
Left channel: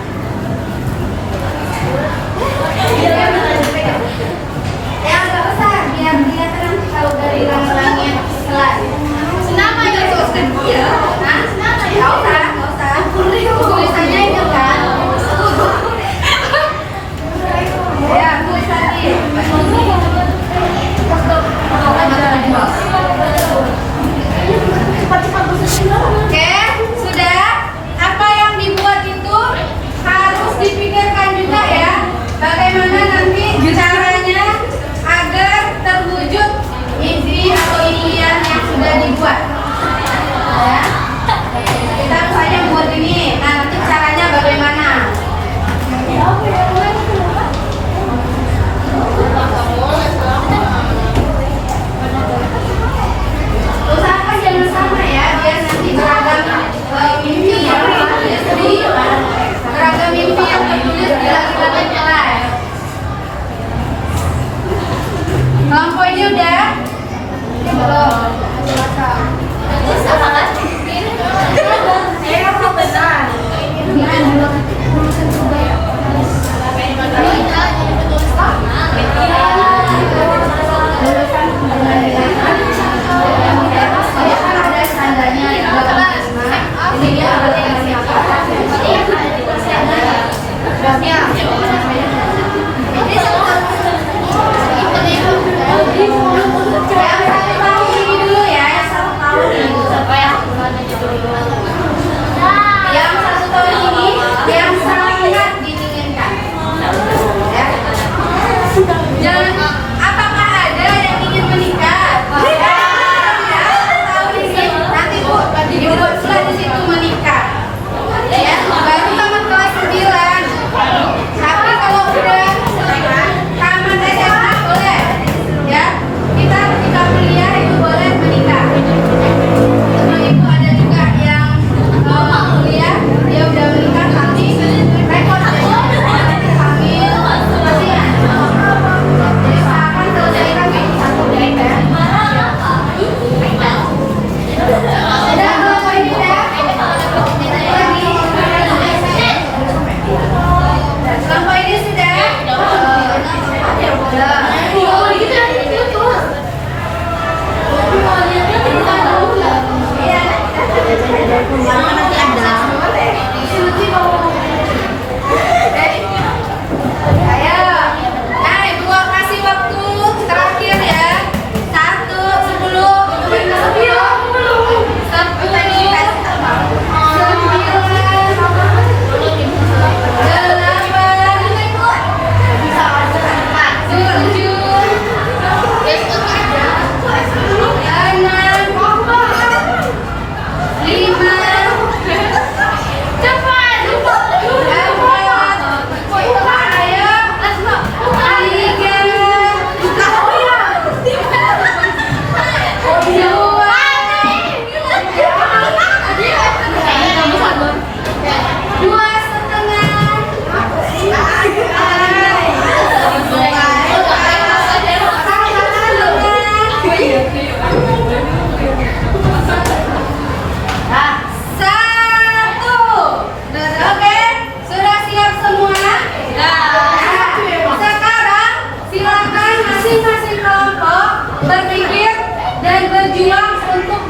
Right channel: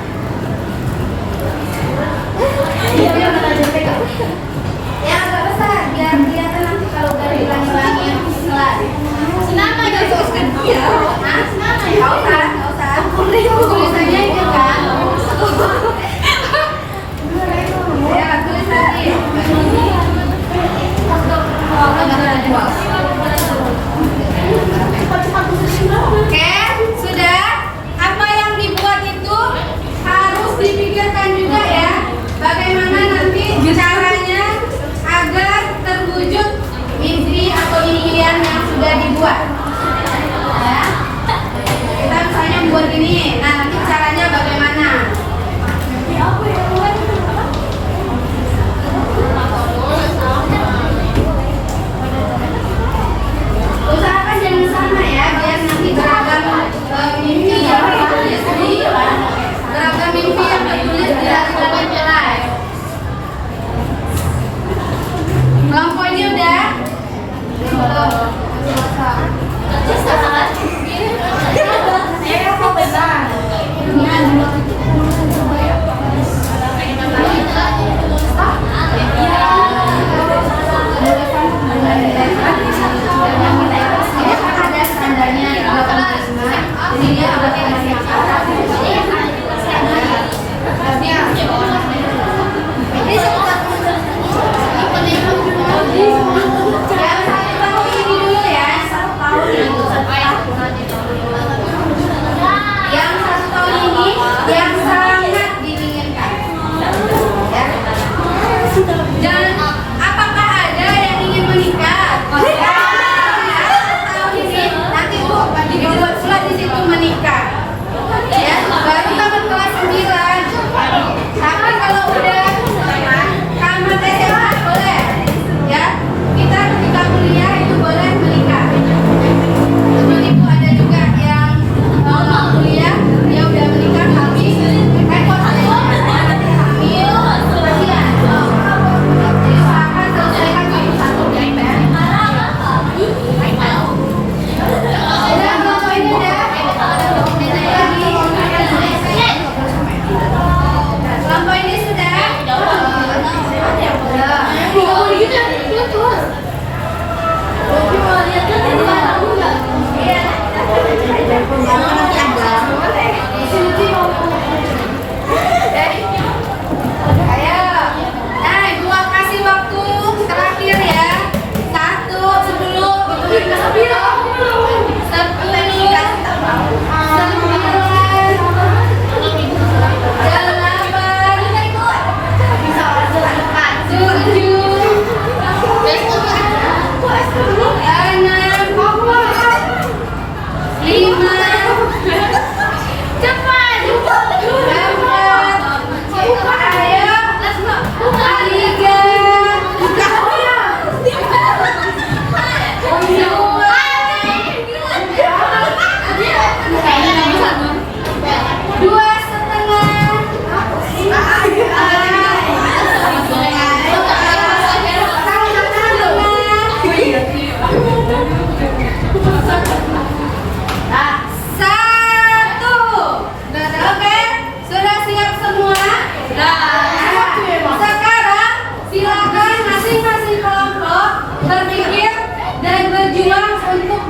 Yang nggak usah, biar kelihatan nanti kalau dari langit-langit slide. Nama ya tuliskan dia. Nah, nggak usah. Tulisannya itu kan. Ya, tulis tadi. Oke, sudah. Apa yang dibuat itu harus dipikirkan juga ya. Bagaimana nanti caranya agar terwujud mimpi atau impian yang sudah dibuat. Ya. Kita misalnya buat ini. Nah, nanti caranya bagaimana? Usahakan jangan sama ya, biar nanti beragam mimpi yang tertulis di lapangan jelas. Kelompok ini udah? Belum. Ada standarnya. Ini dia yang satu tahun ini yang sangat diinginkan. Dan apakah ada yang ingin menikah? Tahun ini nanti dibuat surat di situ menikah. Ya, baru tamat kelas 9. Tapi kalau udah tamat SMA boleh. Ya, kita ketika kuliah itu boleh menikah. Sebelum itu ada juga yang kuliah dia udah menikah tapi repot hamil kasihan. Jadi usahakan selesaikan itu satu baik-baik. Udah kelompok ini udah. Kelompok ini sudah. Kasih waktu terakhir ya.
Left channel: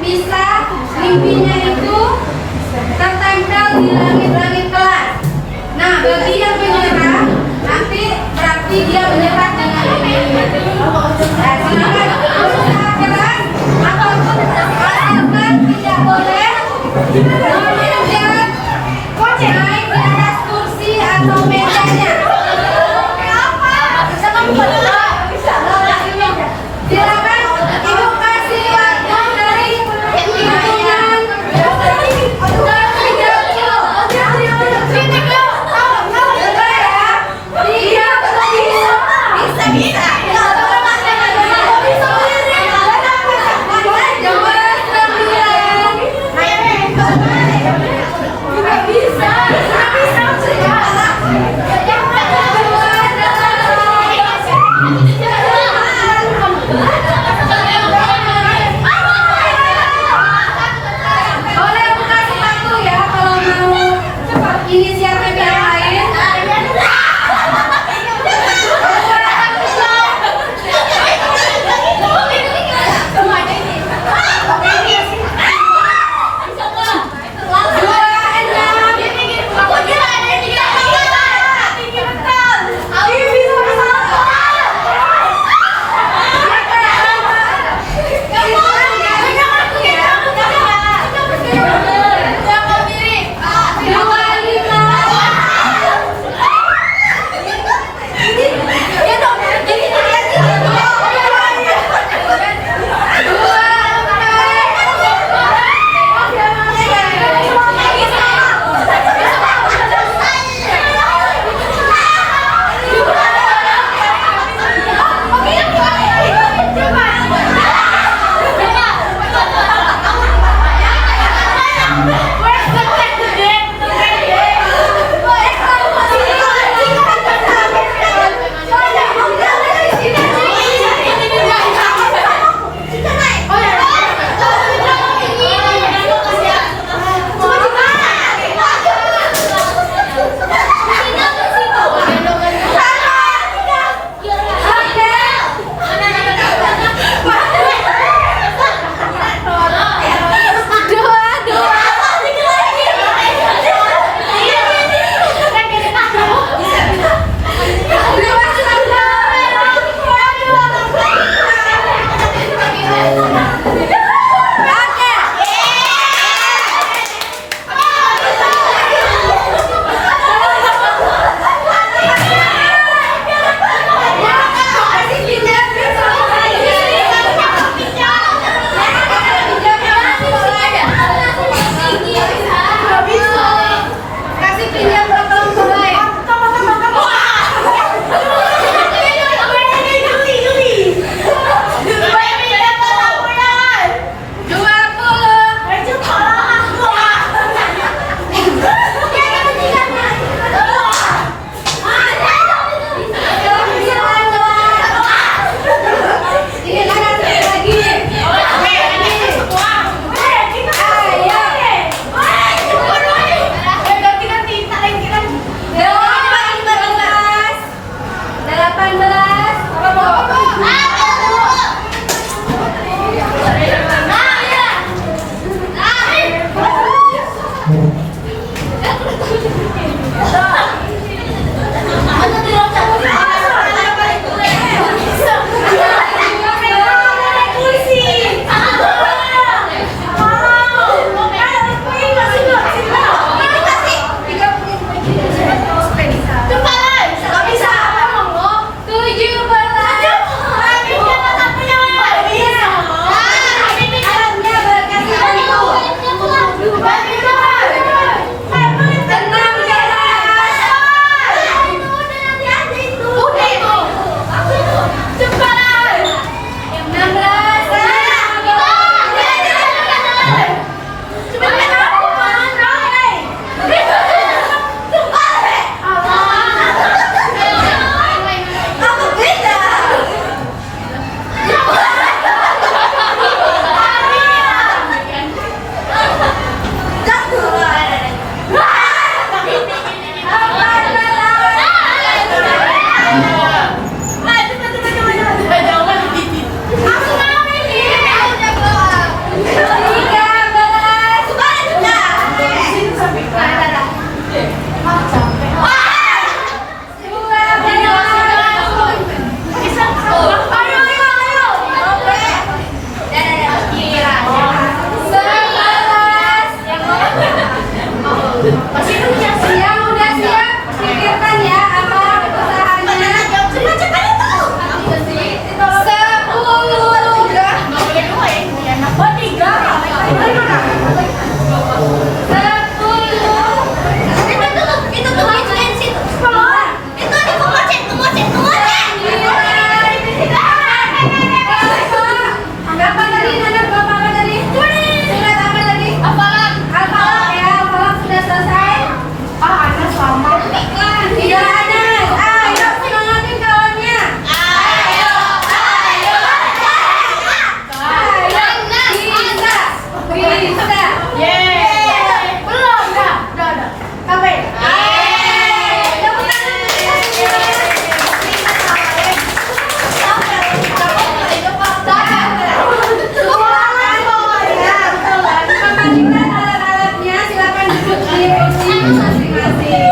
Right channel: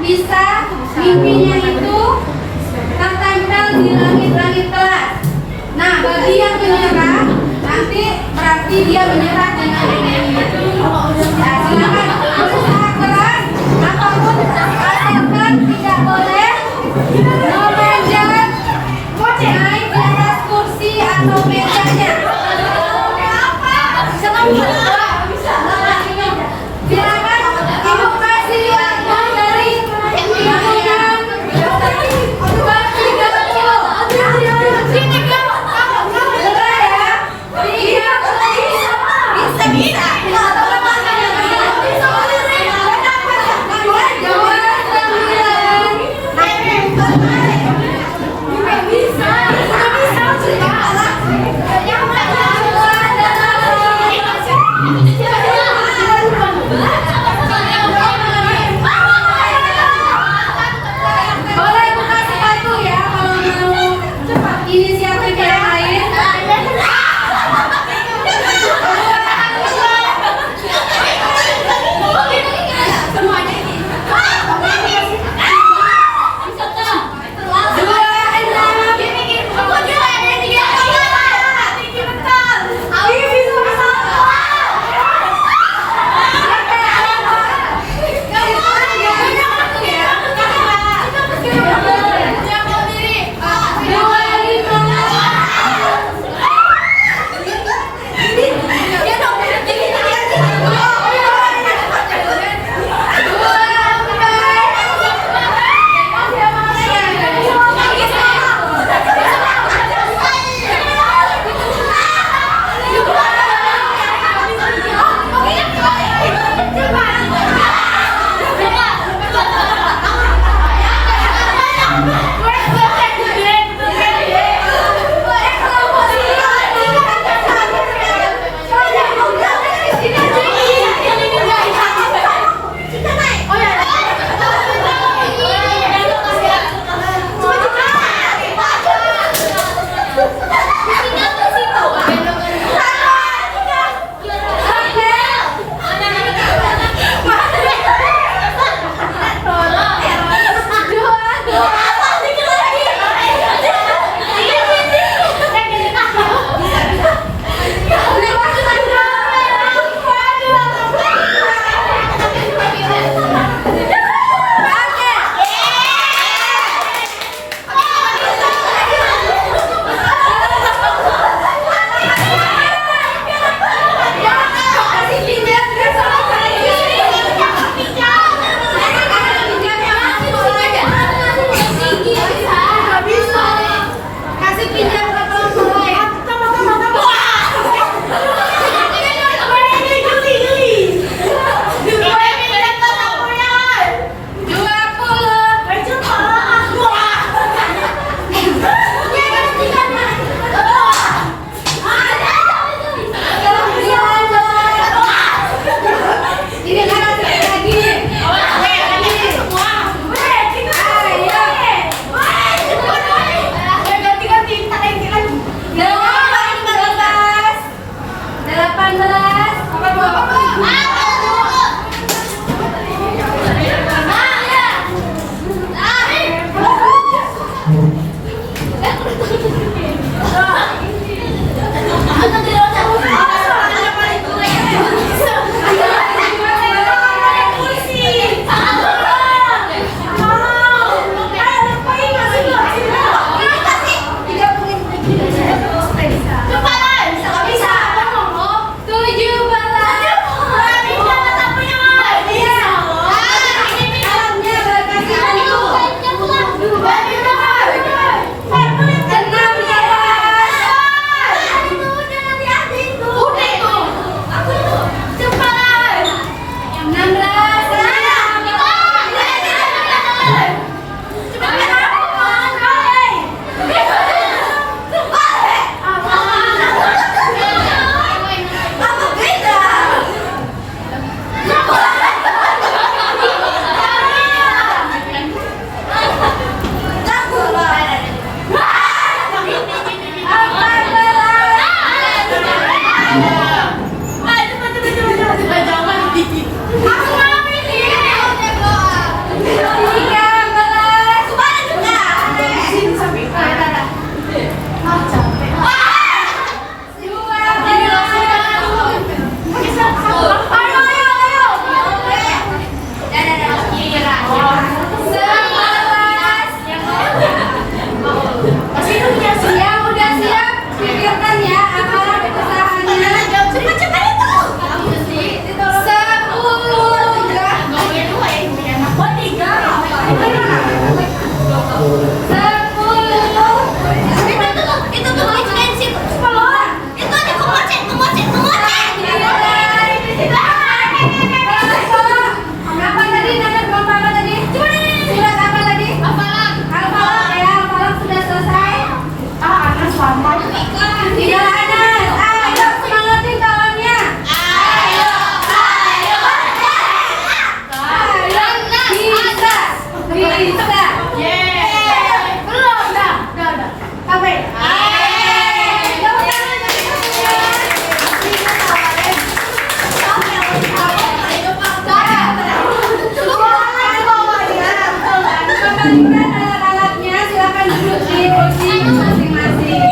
1, mimpinya itu tertempel di langit-langit kelas. Nah, bagi yang menyerah, nanti berarti dia menyerah dengan mimpinya. Nah, silakan usaha keras, apapun asalkan tidak boleh memanjat naik di atas kursi atau mejanya. Silakan ibu kasih atau dari lingkungan 3 kilo. Sini kilo, bisa. Nomor 9. Boleh buka sepatu ya kalau mau inisiatif yang lain. kursi masing-masing.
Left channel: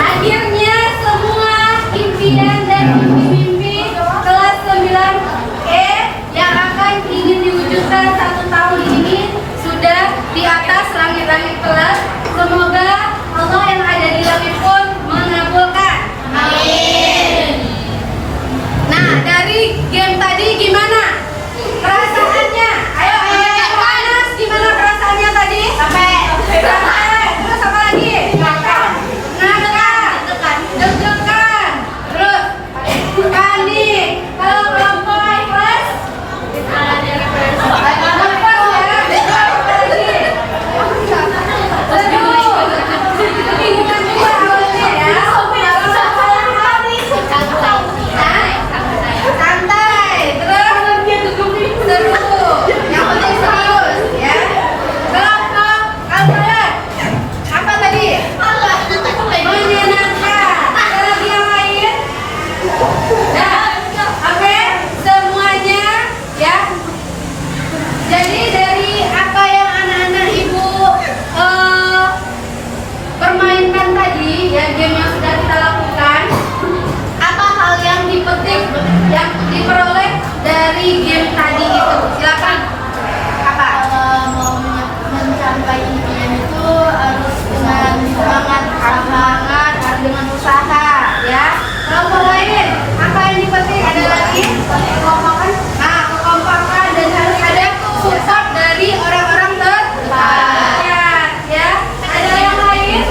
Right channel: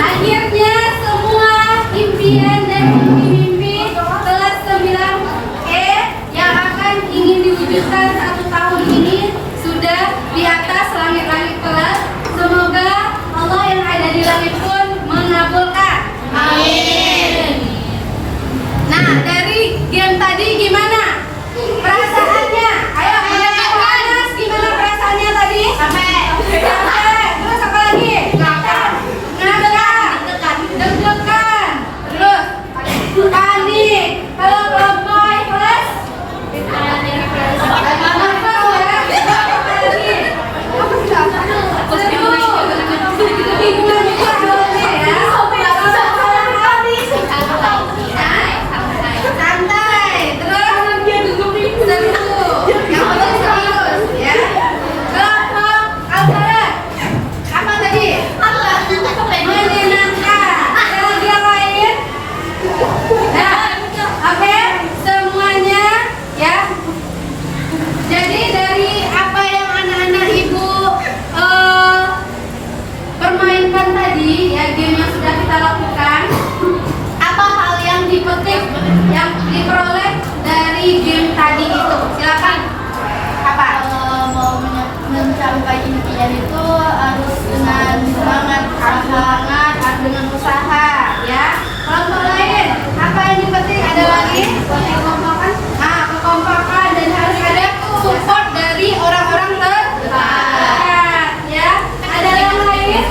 Akhirnya semua impian dan mimpi kelas 9E yang akan ingin diwujudkan 1 tahun ini sudah di atas langit-langit kelas. Semoga Allah yang ada di langit pun mengabulkan. Amin. Nah, dari game tadi gimana perasaannya? Ayo, Anas, gimana perasaannya tadi? Sampai. Terus apa lagi? Ngakak, deg-degan, terus panik. Kalau kelompok ikhlas, kebingungan juga awalnya ya. Santai, terus seru. Yang penting serius ya. Kelompok Al-Falaq. Apa tadi? Menyenangkan. Ada lagi yang lain? Ya. Oke, semuanya ya. Jadi dari apa yang anak-anak ibu permainkan tadi, ya game yang sudah kita lakukan, apa hal yang dipetik, yang diperoleh dari game tadi itu? Silakan. Apa? Kalau mau mencapai impian itu harus dengan semangat, Harus dengan usaha, ya. Kelompok lain, apa yang dipetik? Ada lagi? Kekompakan. Kekompakan dan harus ada support dari orang-orang terdekat, ya. Ada yang lain?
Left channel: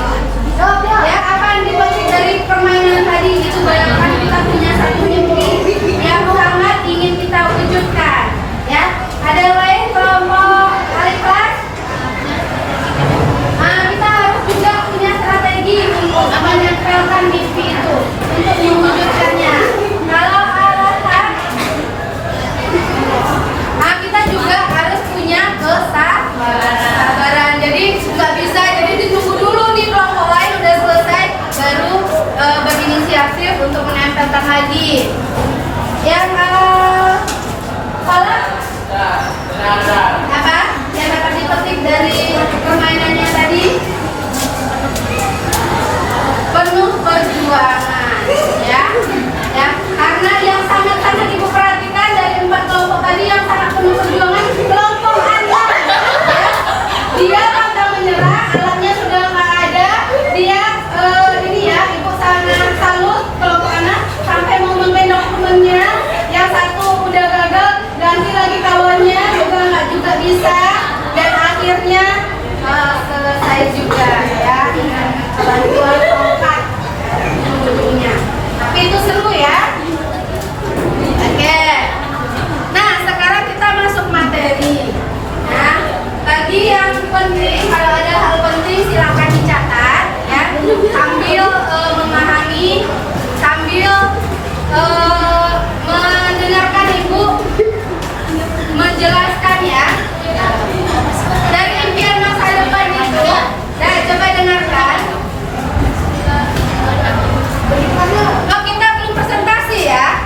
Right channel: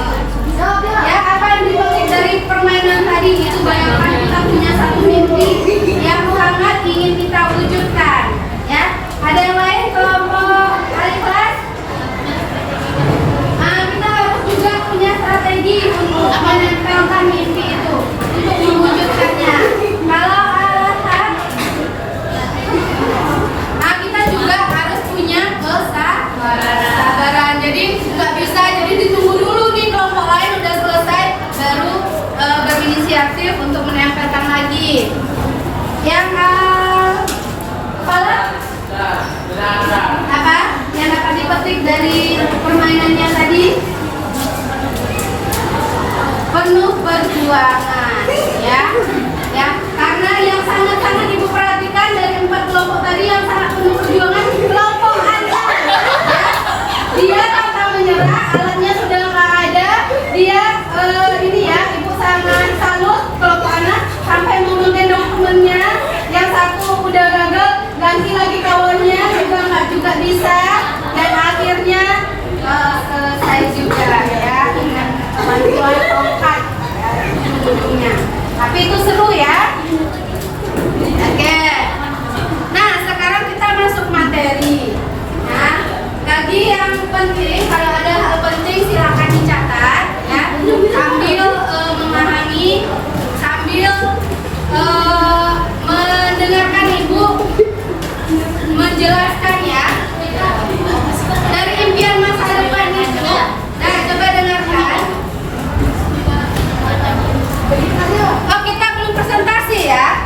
Ya, apa yang dipetik dari permainan tadi itu? Bayangkan kita punya satu mimpi yang sangat ingin kita wujudkan, ya. Ada yang lain? Kelompok Al-Ikhlas. Kita harus juga punya strategi untuk menempelkan mimpi itu, untuk mewujudkannya. Kalau Al-Ikhlas, kita juga harus punya kesabaran. Jadi nggak bisa, jadi ditunggu dulu nih kelompok lain udah selesai, baru berinisiatif untuk menempelkan lagi. Yang Falaq, apa yang dapat dipetik dari permainannya tadi? Penuh perjuangan, ya, karena yang sangat-sangat ibu perhatikan dari 4 kelompok tadi yang sangat penuh perjuangan, kelompok Anda, ya, dia pantang menyerah, alatnya sudah nggak ada, dia ini ya, ibu sangat salut kelompok anak sampai mau mengganti dokumennya, yang satu udah gagal, ganti lagi kawannya juga bisa, dan akhirnya selesai juga ya dengan bantuan tongkat ujungnya. Tapi itu seru ya. Oke. Nah, sekarang kita masuk materi. Nah, tadi yang penting, kalau ada hal penting silakan dicatat ya, sambil memahami, sambil mendengarkan ibu menjelaskan ya. Dari impian masa depan itu, nah coba dengarkan. Oh, kita belum presentasi ya.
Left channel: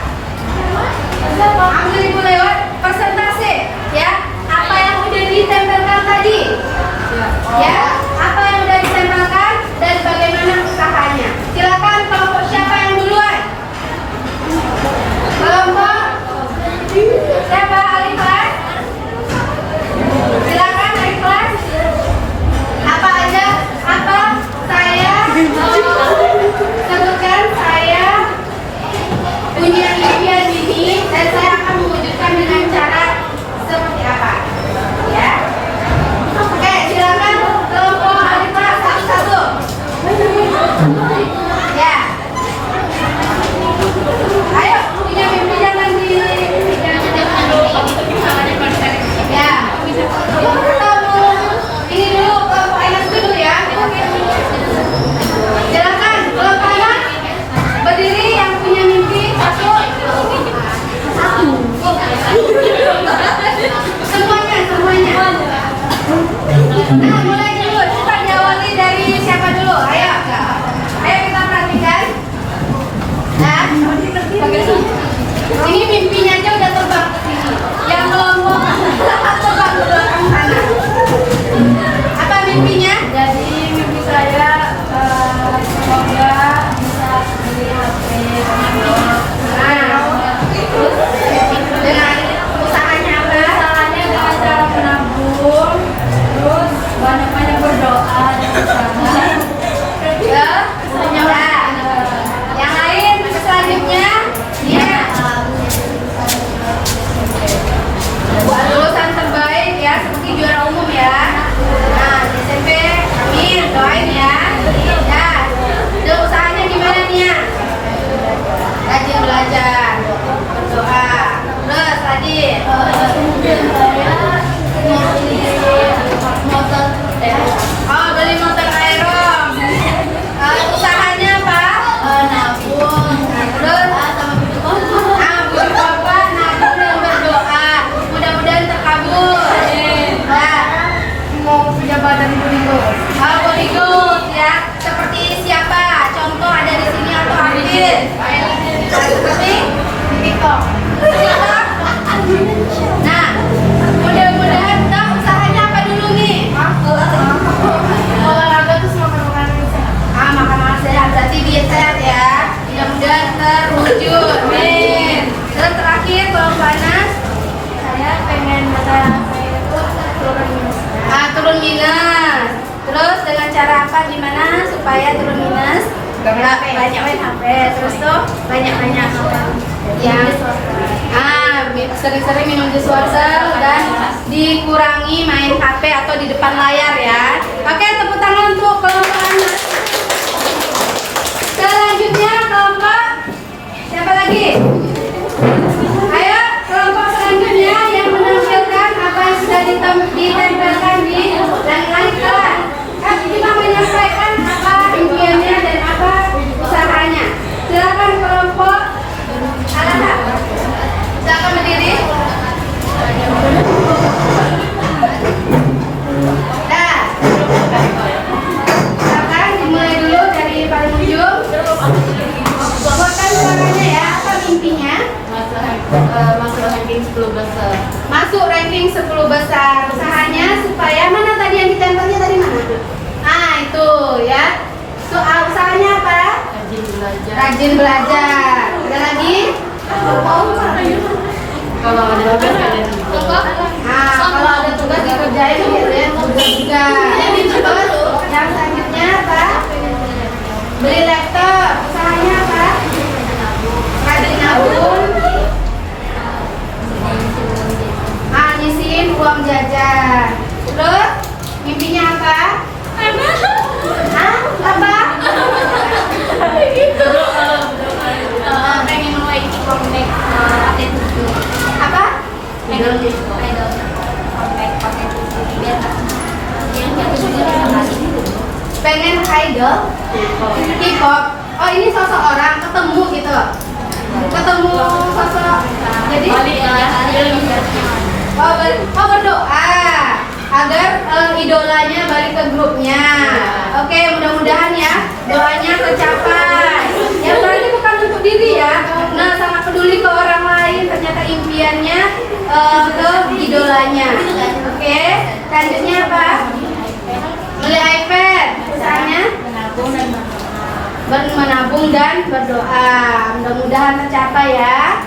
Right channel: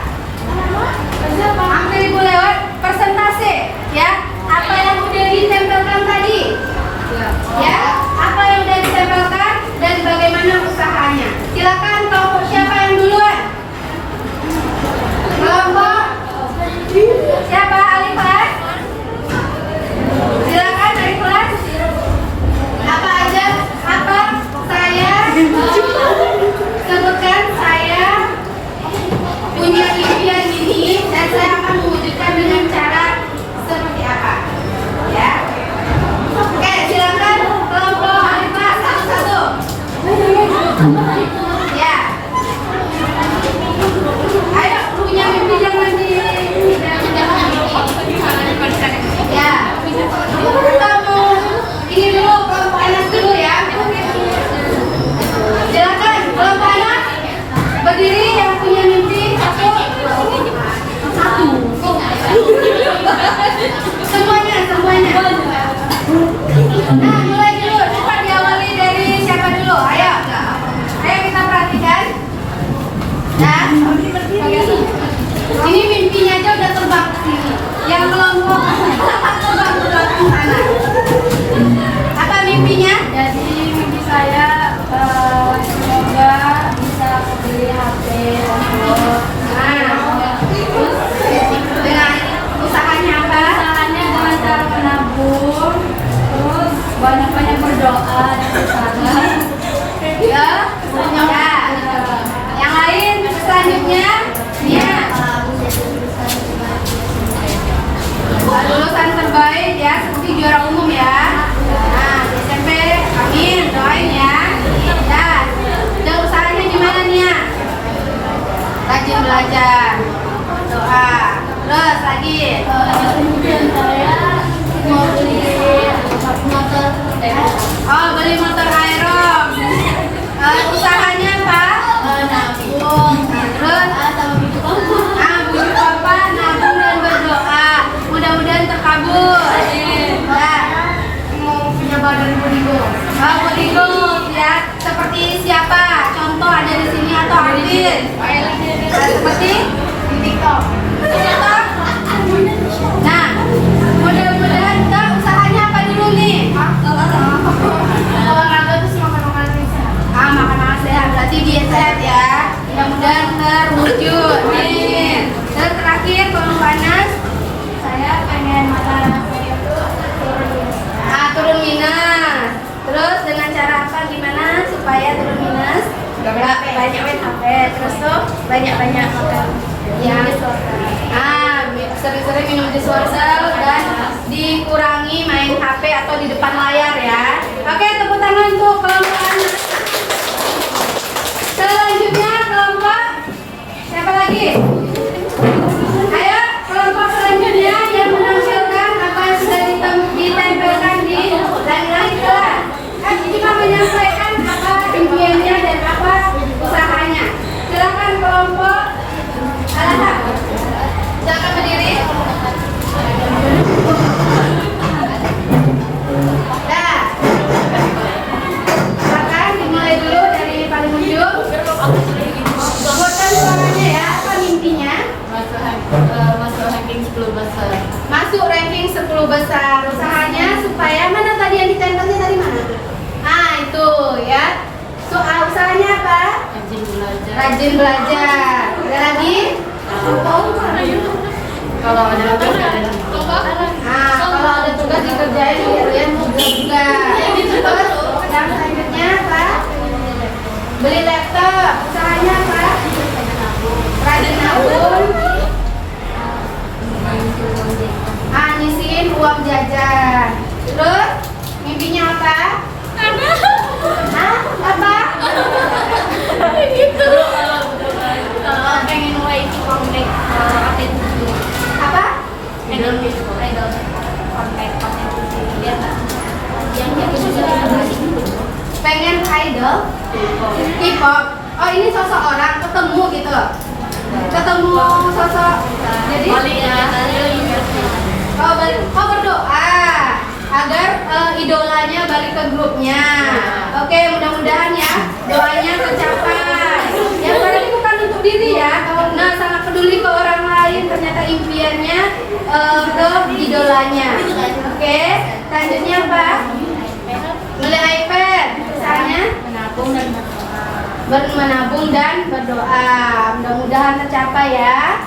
Ambil ibu lewat presentasi ya. Apa yang udah ditempelkan tadi? Ya, apa yang udah ditempelkan dan bagaimana usahanya? Silakan kelompok siapa yang duluan? Kelompok siapa? Alifah? Silakan dari kelas. Apa aja? Apa? Saya sebutkan saya punya impian ini dan saya akan mewujudkan dengan cara seperti apa? Ya. Oke, silakan kelompok Alifah satu-satu. Ya. Ayo, punya mimpi jangan di ya. Ini dulu kelompok Anas dulu ya. Silakan kelompok Anas berdiri yang punya mimpi satu. Semuanya. Nah, mulai dulu. Cepat diawali dari siapa dulu? Ayo kita perhatikan. Nah, ini mimpinya aja udah terbang ke sini. Yang Apalagi? Kemudian saya mau beli motor. Oh, beli motor aerob. Usahanya apa? Nabung. Terus Sama buku papa. bujuk papa, nabung dan berdoa. Mudah-mudahan terkabul. Nah, Mau punya badan bodyguard. bodyguard ya. Seperti siapa? Contoh ada di sini atau artis? Seperti TikTok. Nah, mudah-mudahan kita usahanya apa dulu nih? Olahraga tuh sama makanan yang sehat. Makanan sehat, berarti diet sehat ya. Mudah-mudahan terwujud. Amin. Terus terakhir, Kelompok Anas, Saya pengen mana saya itu turun minus. turun minus. Terus dengan cara apa? Gimana supaya turun minus? Banyak main HP. Terus tuh banyak-banyak makan yang sering-sering minum jus wortel dan dikurangi main HP atau di depan layar ya. Oke, tepuk tangan untuk kelompok Anas. Selanjutnya kelompok siapa lagi? Ayo kelompok selanjutnya yang menampilkan apa yang sudah ditempelkan di langit-langit kelas. Cuma menyampaikan apa impiannya dan apa usahanya. Silakan kelompok Alham. Silakan berdiri. Nah, silakan dimulai dulu dari paling ujung. Buatkan suaranya ya. Apa mimpinya? Masuk ranking 10 besar. Masuk ranking 10 besar. Usahanya supaya mana tadi yang ditempelnya tadi mana? Itu ya. Usahanya apa? Rajin belajar. Rajin belajar. Ada lagi? Kalau ada tugas kalian. Kalau ada tugas dikerjain gitu ya, juga. Terus yang selanjutnya apa? Beli laptop. Usahanya apa? Rajin nabung. Nyisihin uang jajan. Terus mimpinya apa? Apa? Pengen mulai comeback pakai tujuh. Apa? Idol comeback pakai tujuh. Biar yang jatuh juga masih Pengen idol? K-pop. Oh, ini sosok orang ketemu gitu. Ketemu sosok. Jadi berdoa agar idolanya balik ke grupnya. Oke, mudah-mudahan ya doanya tercapai. Yang berarti bukan untuk diri ya. Nah, sangat peduli ke orang lain. Ternyata impiannya ke idolanya. Oke, selanjutnya apa? Beli iPad. Misalnya menabung dan berdoa. Mudah-mudahan tercapai ya.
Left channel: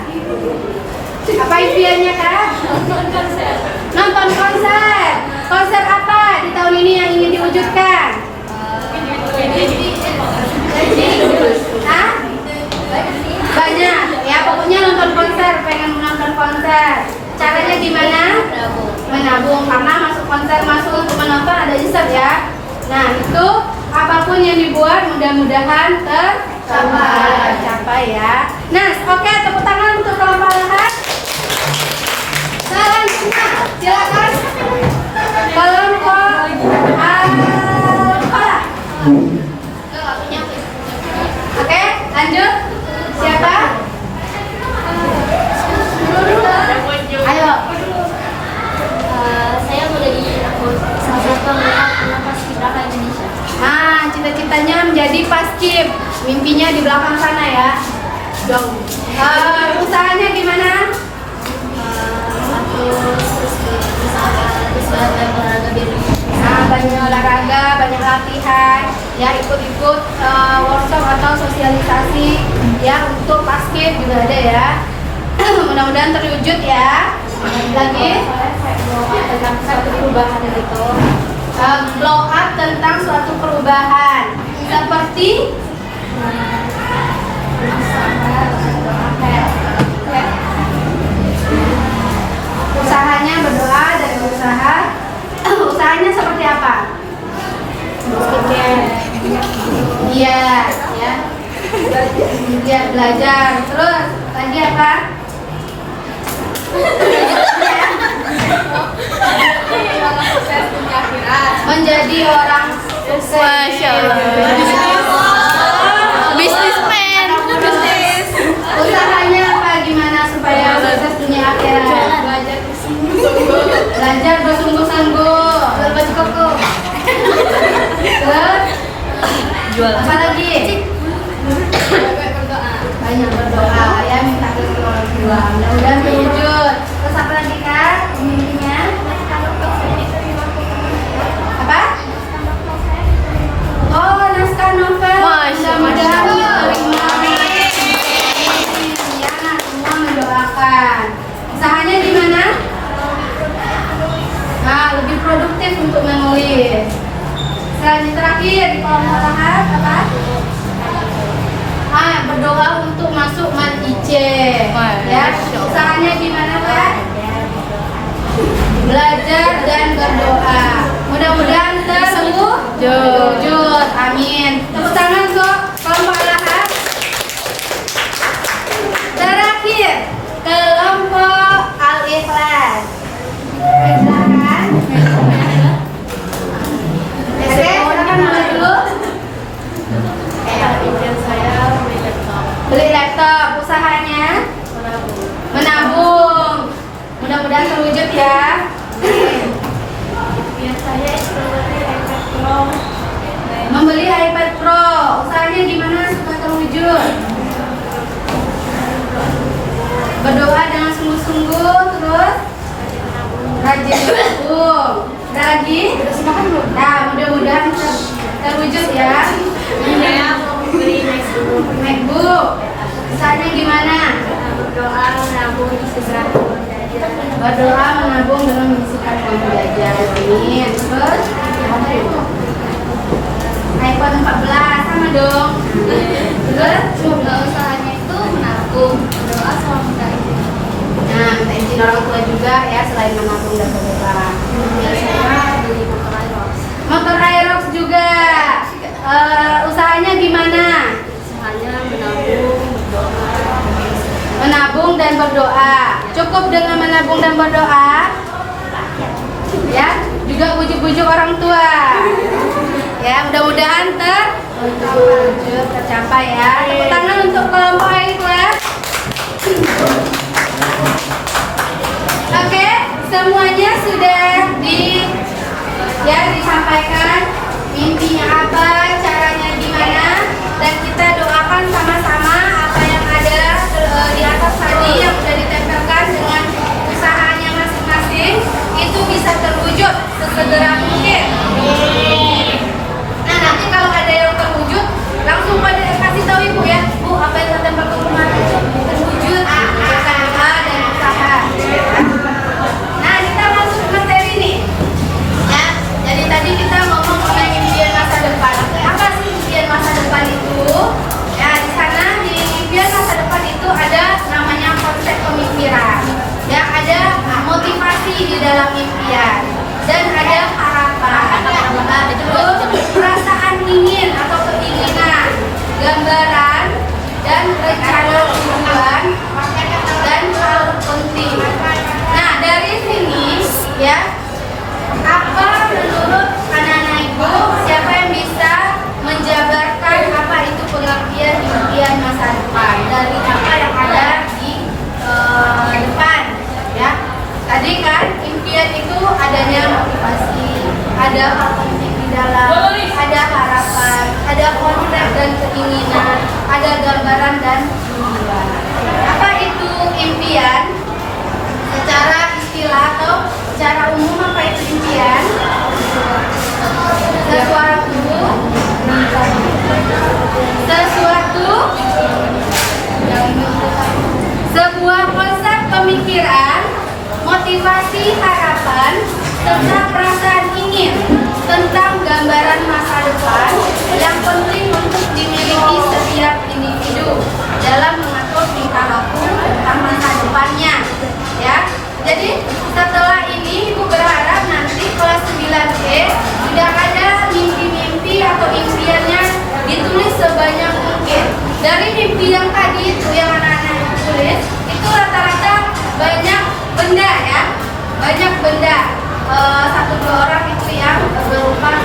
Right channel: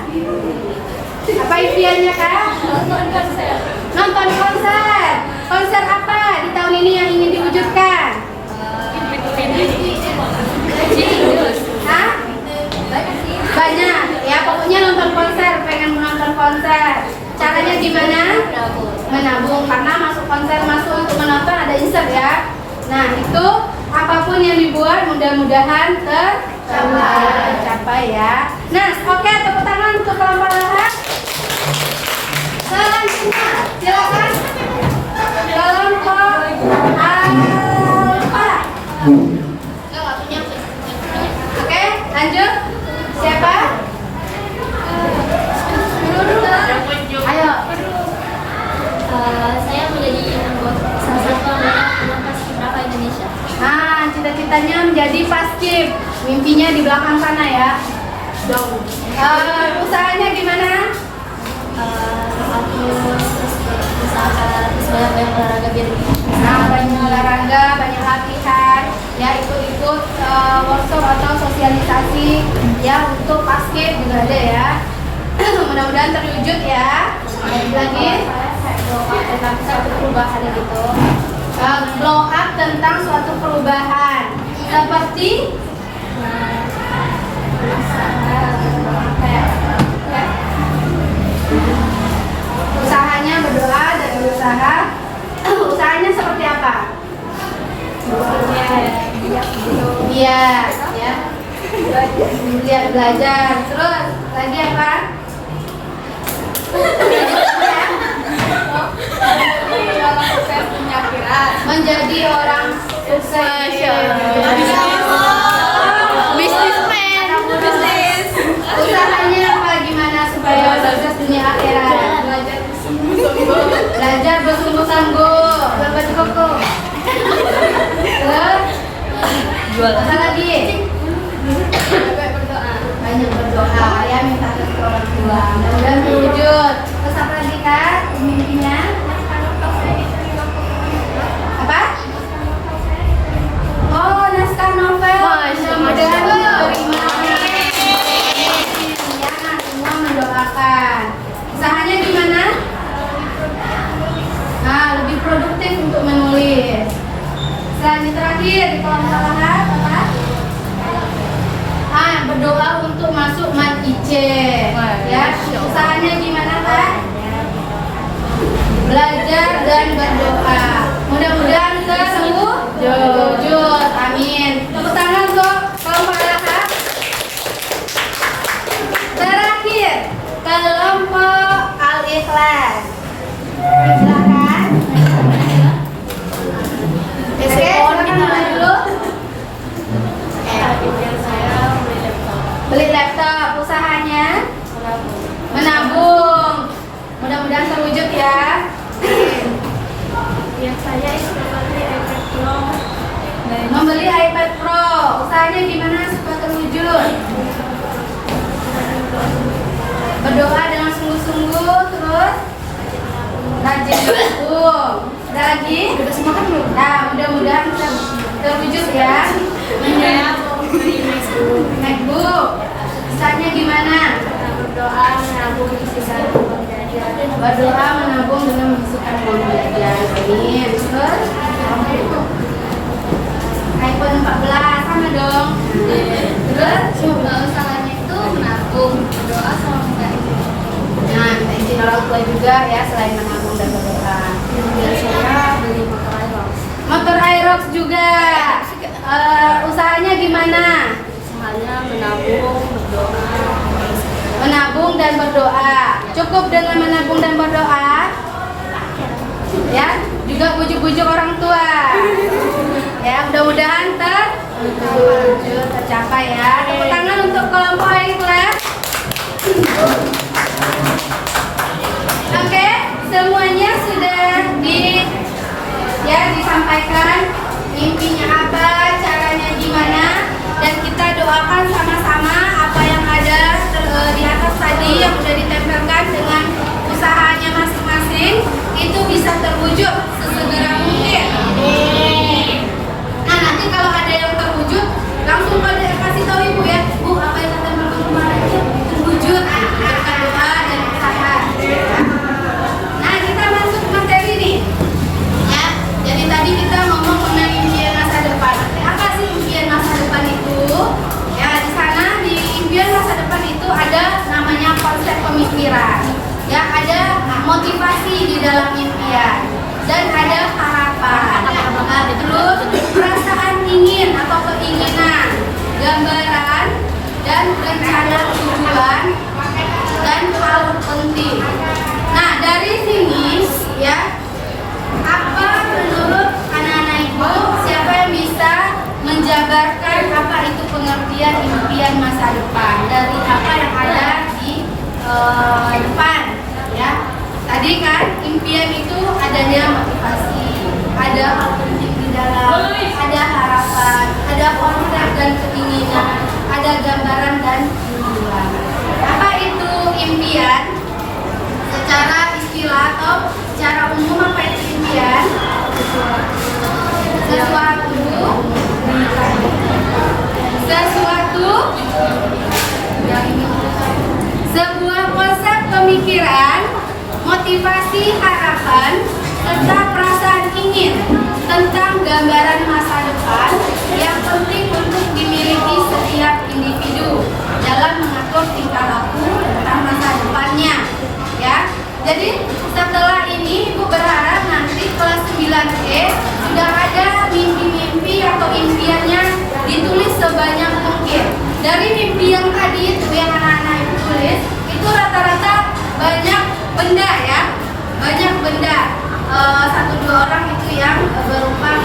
Apa impiannya Kak? Nonton konser. Konser apa di tahun ini yang ingin diwujudkan? Hah? Banyak. Ya pokoknya nonton konser. Pengen menonton konser. Caranya gimana? Menabung. Karena masuk konser masuk untuk menonton ada insert ya. Nah itu apapun yang dibuat mudah-mudahan tercapai ya. Nah oke, tepuk tangan untuk kelompok Alham. Selanjutnya silakan kelompok Al-Falah. Oke, lanjut. Siapa? Ayo. Saya mau jadi salah satu anggota Paskibraka Indonesia. Nah, cita-citanya menjadi paskib. Mimpinya di belakang sana ya. Usahanya gimana? Banyak olahraga, banyak latihan, ya ikut-ikut workshop atau sosialisasi ya untuk paskib juga ada ya. Mudah-mudahan terwujud ya. Lagi tentang suatu perubahan gitu. Blow up tentang suatu perubahan seperti usahanya berdoa dan berusaha. Usahanya seperti apa? Iya, ya. Lihat belajar. Terus lagi apa? menjadi orang sukses. Masya Allah. Bisnismen. Bisnis. Usahanya apa gimana supaya sukses dunia akhirat? Belajar bersungguh-sungguh. Berbagi koko. Terus Jual. apa lagi? Banyak berdoa. Banyak berdoa ya, minta rezeki orang tua. Mudah-mudahan terwujud. Terus apa lagi Kak? Mimpinya? Apa? Oh, naskah novel. Masya Mudah-mudahan Allah. diterima. Ya, nah, semua mendoakan. Usahanya gimana? Nah, lebih produktif untuk menulis. Selanjutnya terakhir di kolom lahat apa? Berdoa untuk masuk mat IC. Ya, Masya Allah. usahanya gimana Kak? Belajar dan berdoa. Mudah-mudahan terwujud. Amin. Tepuk tangan untuk kelompok lahat. Terakhir, kelompok Al-Ikhlas. Silakan. Oke, silakan mulai dulu. Beli laptop, usahanya menabung. Mudah-mudahan terwujud ya. Saya seperti iPad Pro. Membeli iPad Pro, usahanya gimana supaya terwujud? Berdoa dengan sungguh-sungguh, terus rajin menabung. Ada lagi? Nah, mudah-mudahan terwujud ya. Saya mau beli MacBook, usahanya gimana? berdoa menabung sisa uang jajan. Berdoa menabung dengan menyisihkan uang jajan. Amin. Terus apa itu? iPhone 14 sama dong. Terus Usahanya itu menabung, berdoa sama minta izin. nah, minta izin orang tua juga ya selain menabung dan berdoa. Saya beli motor Aerox. Motor Aerox juga. Usahanya gimana? Usahanya menabung, berdoa. Menabung dan berdoa. Cukup dengan menabung dan berdoa. Ya, juga bujuk-bujuk orang tua. Ya, mudah-mudahan terwujud, tercapai ya. Tepuk tangan untuk kelompok Al-Ikhlas. Oke, semuanya sudah disampaikan mimpinya apa, caranya gimana, dan kita doakan sama-sama apa yang ada di atas tadi yang sudah ditempelkan dengan usahanya masing-masing itu bisa terwujud sesegera mungkin. Nah, nanti kalau ada yang terwujud langsung pada kasih tahu ibu ya, Bu, apa yang tertempel kemarin itu terwujud berkat doa dan usaha. Nah, kita masuk materi nih. Ya, jadi tadi kita ngomong mengenai impian masa depan. Apa sih impian masa depan itu? Ya, di sana di impian masa depan itu ada namanya konsep pemikiran. Ya, ada motivasi di dalam impian dan ada harapan. Nah, terus perasaan ingin atau keinginan, gambaran dan rencana tujuan dan hal penting. Nah, dari sini ya, apa menurut anak-anak ibu, siapa yang bisa menjabarkan apa itu pengertian impian masa depan dari apa yang ada di depan ya? Tadi kan impian itu adanya motivasi, ada hal penting di dalam, ada harapan, ada konsep dan keinginan, ada gambaran dan tujuan. Apa itu impian? Secara istilah atau secara umum apa itu impian? Sebuah konsep pemikiran, motivasi, harapan, serta perasaan ingin tentang gambaran masa depan yang penting untuk dimiliki setiap individu dalam mengatur tingkah laku tentang masa depannya. Ya, jadi setelah ini Ibu berharap nanti kelas 9E sudah ada mimpi-mimpi atau impiannya ditulis sebanyak mungkin. Dari mimpi yang tadi itu yang anak-anak Ibu tulis itu rata-rata banyak benda ya, banyak benda. 1-2 orang itu yang berupa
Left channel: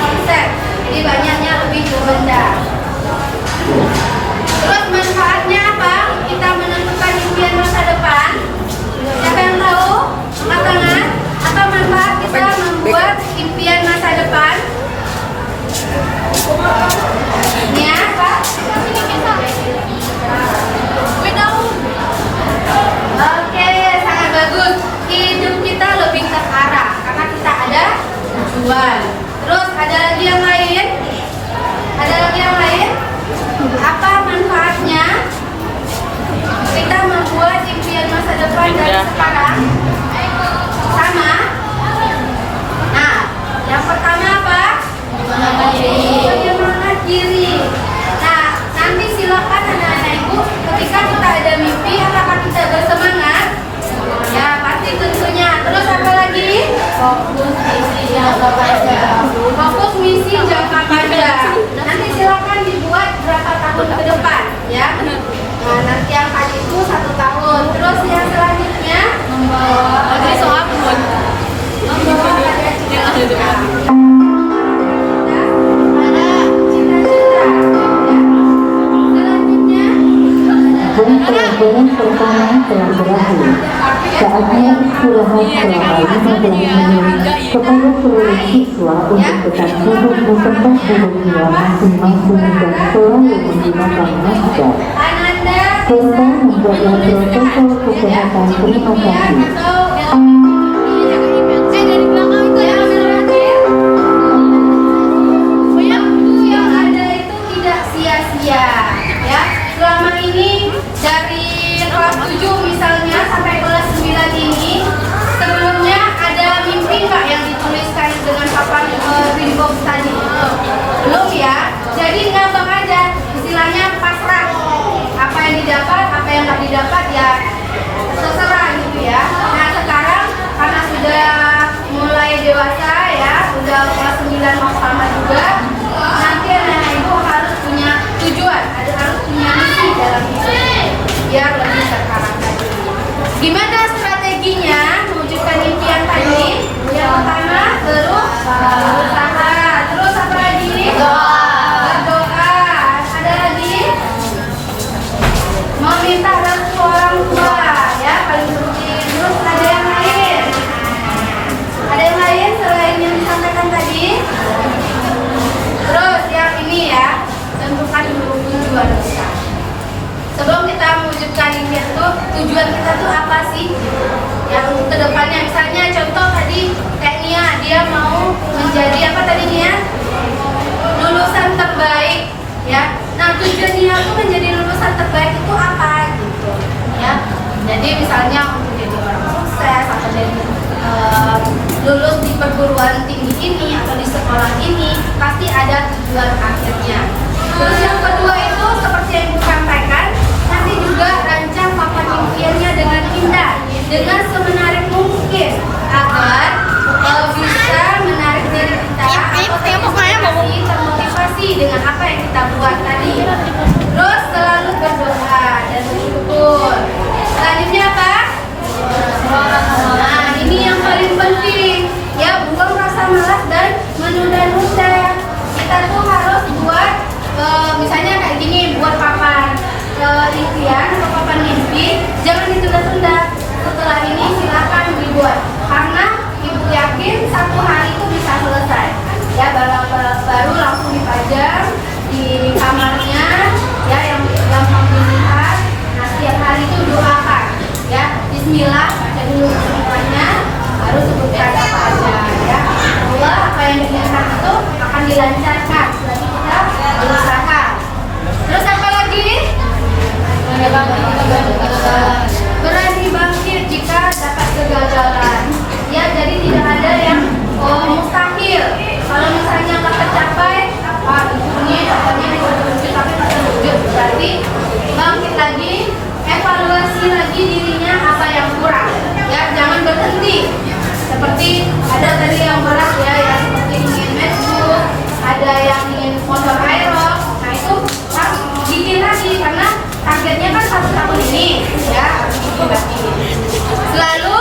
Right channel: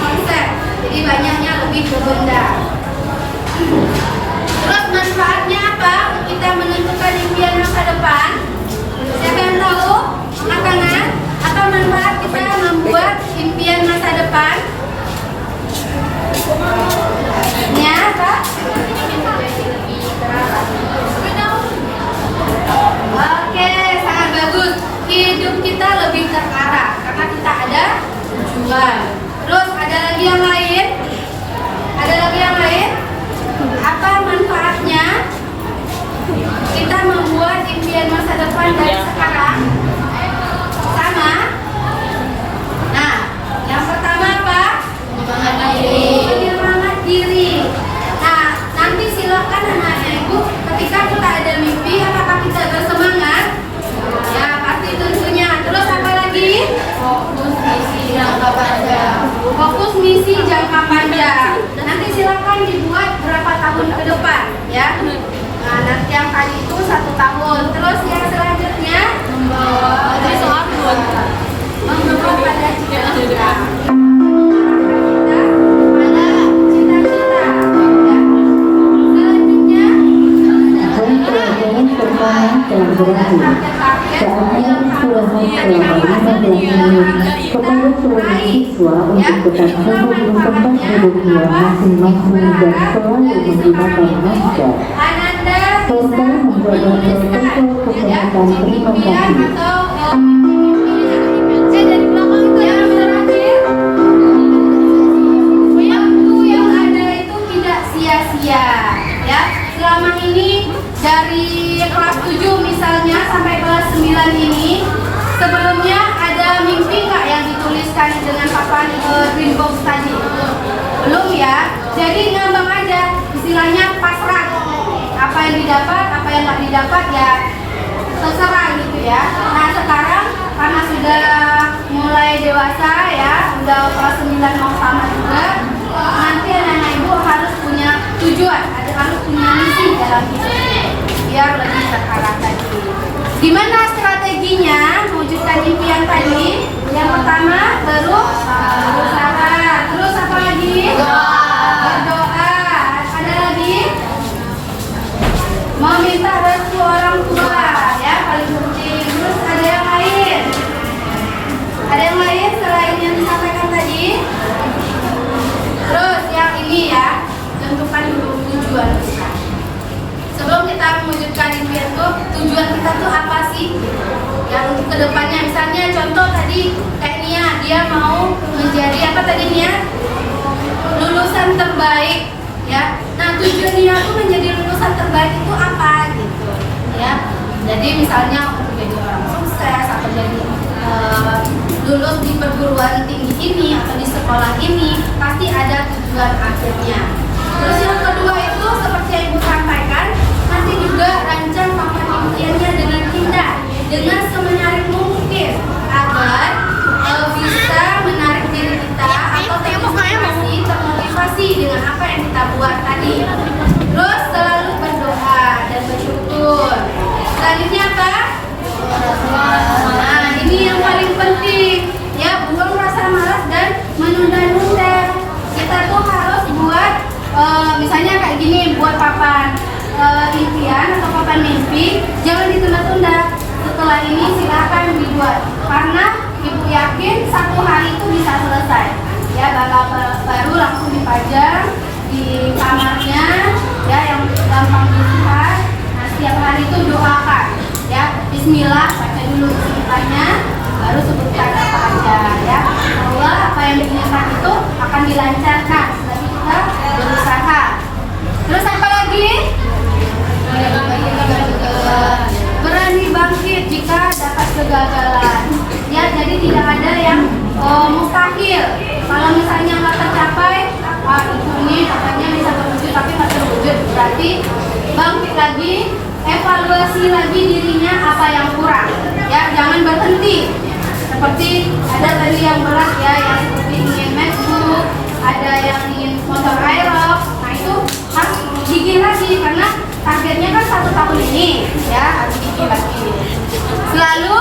Fokus misi jangka panjang. Fokus misi jangka panjang. Nanti silakan dibuat berapa tahun ke depan, ya. Nah, nanti yang tadi itu 1 tahun. Terus yang selanjutnya soal membawa pada cita-cita. Saatnya istirahat selama 15 menit kepada seluruh siswa untuk tetap sibuk memperbaiki hidupnya masing-masing dan selalu menggunakan masker serta menjaga protokol kesehatan. Terima kasih. Yang ada itu tidak sia-sia, ya. Selama ini dari kelas 7 misalnya sampai kelas 9 ini, sebelumnya ada mimpi nggak yang dituliskan dengan papan green box tadi? Belum, ya. Jadi ngambang aja, istilahnya pasrah. Apa yang didapat, apa yang nggak didapat ya terserah gitu ya. Nah sekarang karena sudah mulai dewasa ya, udah kelas 9 mau sama juga, nanti anak-anak ibu harus punya tujuan, harus punya misi dalam hidup biar lebih terarah tadi. Gimana strateginya mewujudkan impian tadi? Yang pertama berusaha, terus apa lagi? Berdoa. Ada lagi? Meminta restu orang tua, ya paling penting. Terus ada yang lain? Ada yang lain selain yang disampaikan tadi? Terus yang ini ya, tentukan dulu tujuan kita. Sebelum kita mewujudkan impian itu, tujuan kita tuh apa sih? Ya untuk kedepannya, misalnya contoh tadi kayak Nia, dia mau menjadi apa tadi Nia? Lulusan terbaik, ya. Nah tujuan Nia tuh menjadi lulusan terbaik itu apa gitu, ya. Jadi misalnya untuk jadi orang sukses atau jadi lulus di perguruan tinggi ini atau di sekolah ini, pasti ada tujuan akhirnya. Terus yang kedua itu seperti yang Ibu sampaikan, nanti juga rancang papan impiannya dengan indah, dengan semenarik mungkin agar bisa menarik diri kita atau termotivasi dengan apa yang kita buat tadi. Terus selalu berdoa dan bersyukur. Selanjutnya apa? Nah ini yang paling penting, ya, buang rasa malas dan menunda-nunda. Kita tuh harus buat misalnya kayak gini, buat papan impian atau papan mimpi, jangan ditunda-tunda. Setelah ini silakan dibuat, karena Ibu yakin 1 hari itu bisa selesai, ya. Baru langsung dipajang di kamarnya, ya, yang gampang dilihat. Nah setiap hari itu doakan, ya, Bismillah, baca dulu semuanya, baru sebutkan apa aja, ya. Allah apa yang diinginkan itu akan dilancarkan. Jadi kita berusaha. Terus apa lagi? Berani bangkit jika dapat kegagalan, ya. Jadi tidak ada yang mustahil. Kalau misalnya nggak tercapai, ini katanya bisa terwujud tapi tak terwujud, berarti bangkit lagi, evaluasi lagi dirinya apa yang kurang, ya. Jangan berhenti. Seperti ada tadi yang berat, ya, yang seperti ingin MacBook, ada yang ingin motor aerox. Nah itu harus gigih lagi karena targetnya kan 1 tahun ini, ya, harus gigih lagi. Selalu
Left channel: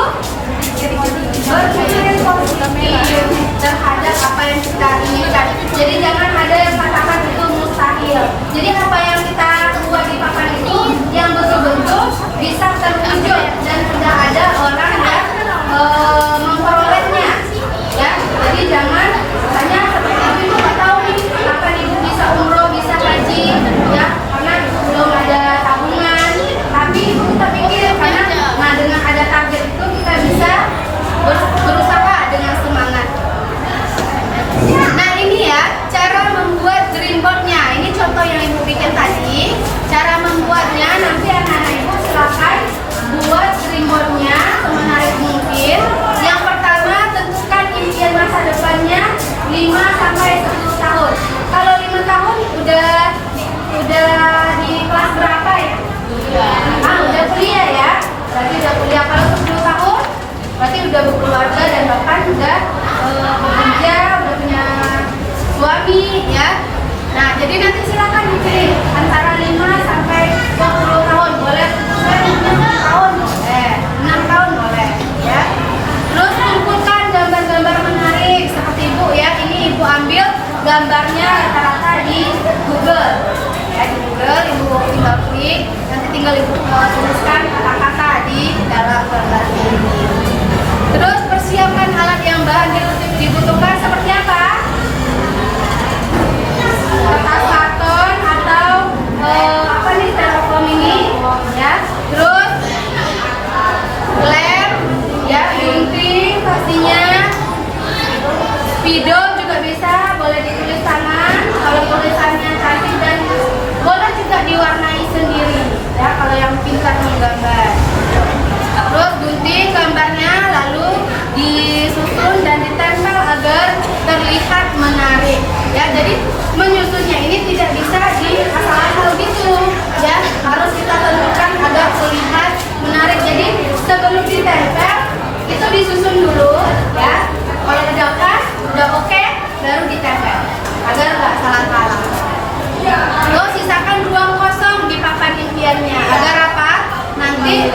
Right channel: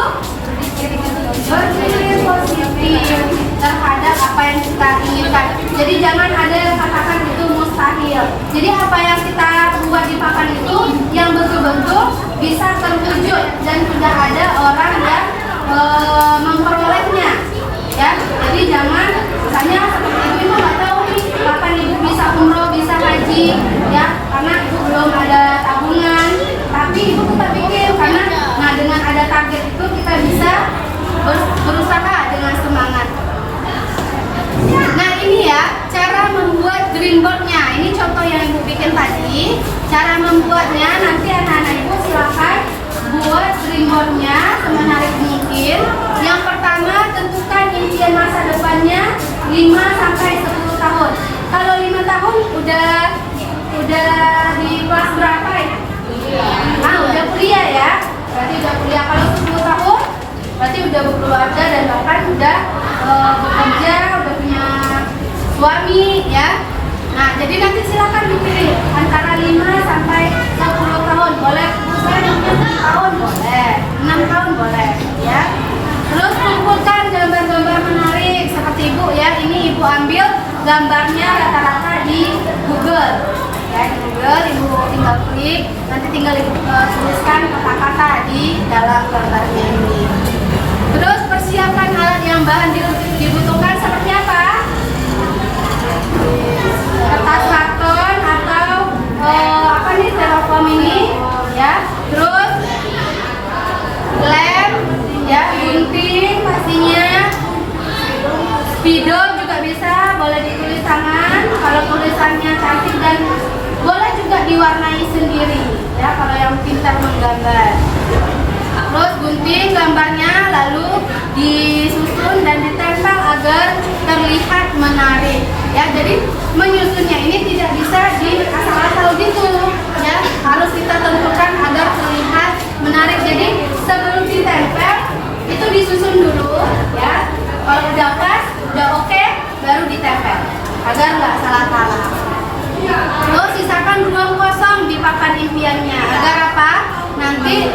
berpikir positif terhadap apa yang kita inginkan. Jadi jangan ada yang katakan itu mustahil. Jadi apa yang kita buat di papan itu yang betul-betul bisa terwujud dan tidak ada orang yang memperolehnya, ya. Jadi jangan misalnya seperti ibu nggak tahu nih kapan ibu bisa umroh, bisa haji, ya, karena belum ada tabungan. Tapi ibu kita pikir karena dengan ada target itu kita bisa berusaha dengan semangat. Nah ini ya cara membuat green boardnya. Ini contoh yang ibu bikin tadi. Cara membuatnya nanti anak-anak ibu silakan buat green boardnya semenarik mungkin. Yang pertama tentukan impian masa depannya 5 sampai 10 tahun. Kalau 5 tahun udah di kelas berapa ya? Nah udah kuliah, ya. Berarti udah kuliah. Kalau 10 tahun berarti udah berkeluarga dan bahkan sudah bekerja, udah punya suami ya. Nah, jadi nanti silakan dipilih antara 5 sampai 20 tahun boleh, 6 tahun boleh, 6 tahun boleh ya. Terus kumpulkan gambar-gambar menarik seperti Ibu ya. Ini Ibu ambil gambarnya rata-rata di Google ya, di Google Ibu tinggal klik, nanti tinggal Ibu tuliskan kata-kata di dalam gambarnya ini. Terus persiapkan alat yang bahan dibutuhkan seperti apa? Kertas karton atau apa nih, styrofoam ini ya. Terus lem ya, gunting pastinya, spidol juga bisa, boleh ditulis tangan kalau tulisannya cantik, dan boleh juga diwarnai sendiri ya kalau yang pintar menggambar. Terus gunting gambarnya lalu disusun dan ditempel agar terlihat menarik ya. Jadi menyusunnya ini tidak bisa di asal-asal gitu ya, harus kita tentukan agar terlihat menarik. Jadi sebelum ditempel itu disusun dulu ya, kalau udah pas, udah oke, baru ditempel agar nggak salah-salah. Terus sisakan ruang kosong di papan impiannya agar apa? Nanti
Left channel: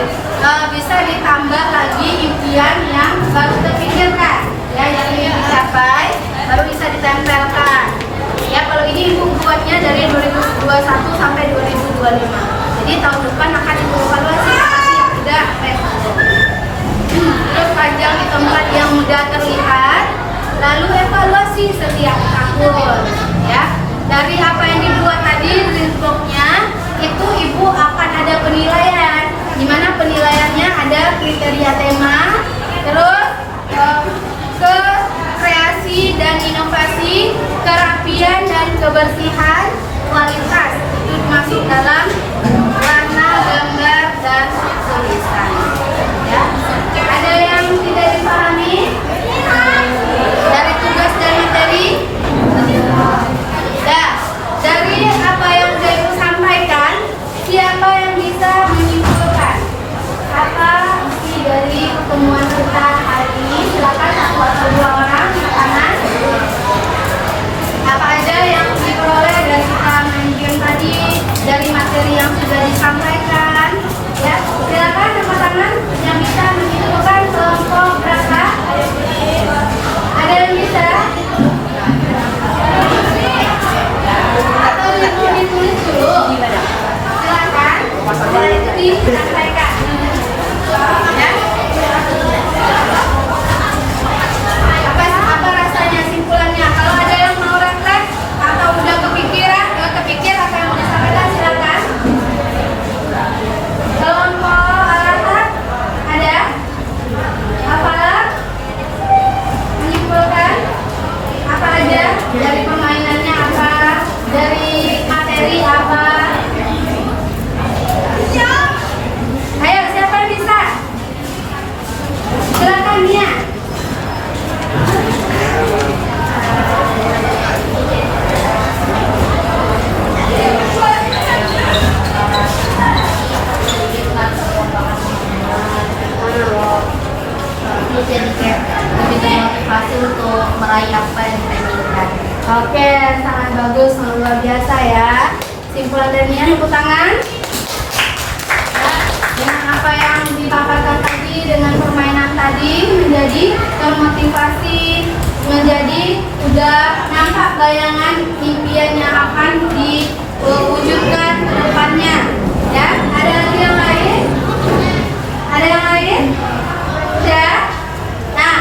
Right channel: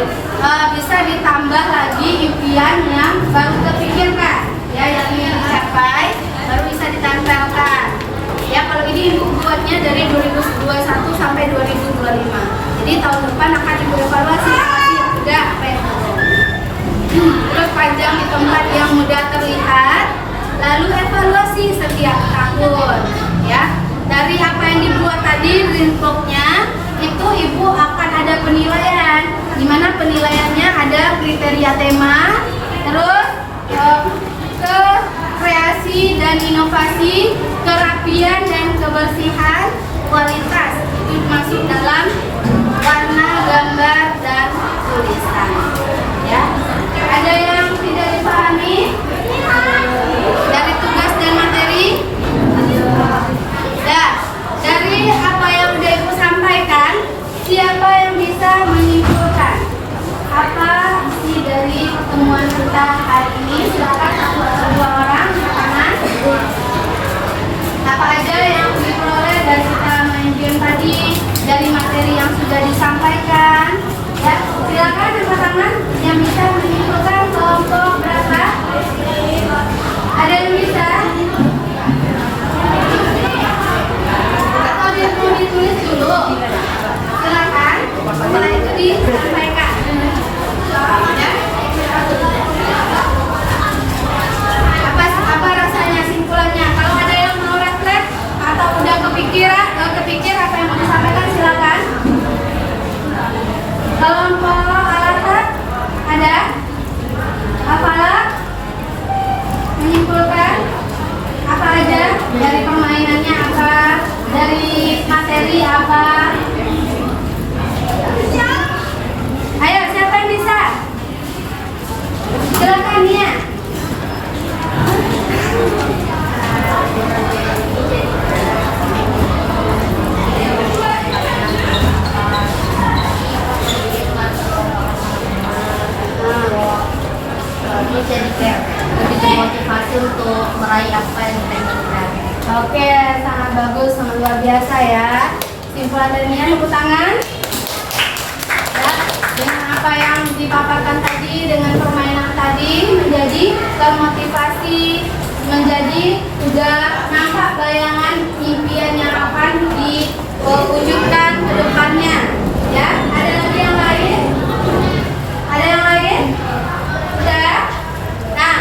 bisa ditambah lagi impian yang baru terpikirkan ya, yang ingin dicapai baru bisa ditempelkan ya. Kalau ini Ibu buatnya dari 2021 sampai 2025, jadi tahun depan akan Ibu evaluasi apa sih yang sudah, apa yang belum. Terus panjang di tempat yang mudah terlihat, lalu evaluasi setiap tahun ya. Dari apa yang dibuat tadi greenbox-nya itu Ibu akan ada penilaian, di mana penilaiannya ada kriteria tema, terus ke kreasi dan inovasi, kerapian dan kebersihan, kualitas itu masuk dalam warna, gambar dan tulisan ya. Ada yang tidak dipahami dari tugas dan materi? Dari apa yang sudah Ibu sampaikan, siapa yang bisa menyimpulkan apa isi dari pertemuan kita hari ini? Silakan 1 atau 2 orang ke kanan. Apa aja yang diperoleh dari kita main game tadi, dari materi yang sudah disampaikan ya? Silakan angkat tangan yang bisa menyimpulkan kelompok berapa? Ada yang bisa? Ditulis dulu, silakan disampaikan ya. Apa rasanya, simpulannya? Kalau ada yang mau refleks atau udah kepikir apa yang mau disampaikan, silakan. Kelompok alasan ada? Apa? Menyimpulkan apa aja dari permainannya, apa dari materi apa? Ayo, siapa yang bisa? Silakan Nia. Jadi kayak lebih termotivasi untuk meraih apa yang kita inginkan. Oke, sangat bagus, sangat luar biasa ya. Simpulan dari Nia, tepuk tangan. Ya, dengan apa yang dipaparkan tadi, dengan permainan tadi, menjadi termotivasi, menjadi udah nampak bayangan impian yang akan diwujudkan ke depannya. Ya, ada lagi yang lain? Ada yang lain? Udah? Nah,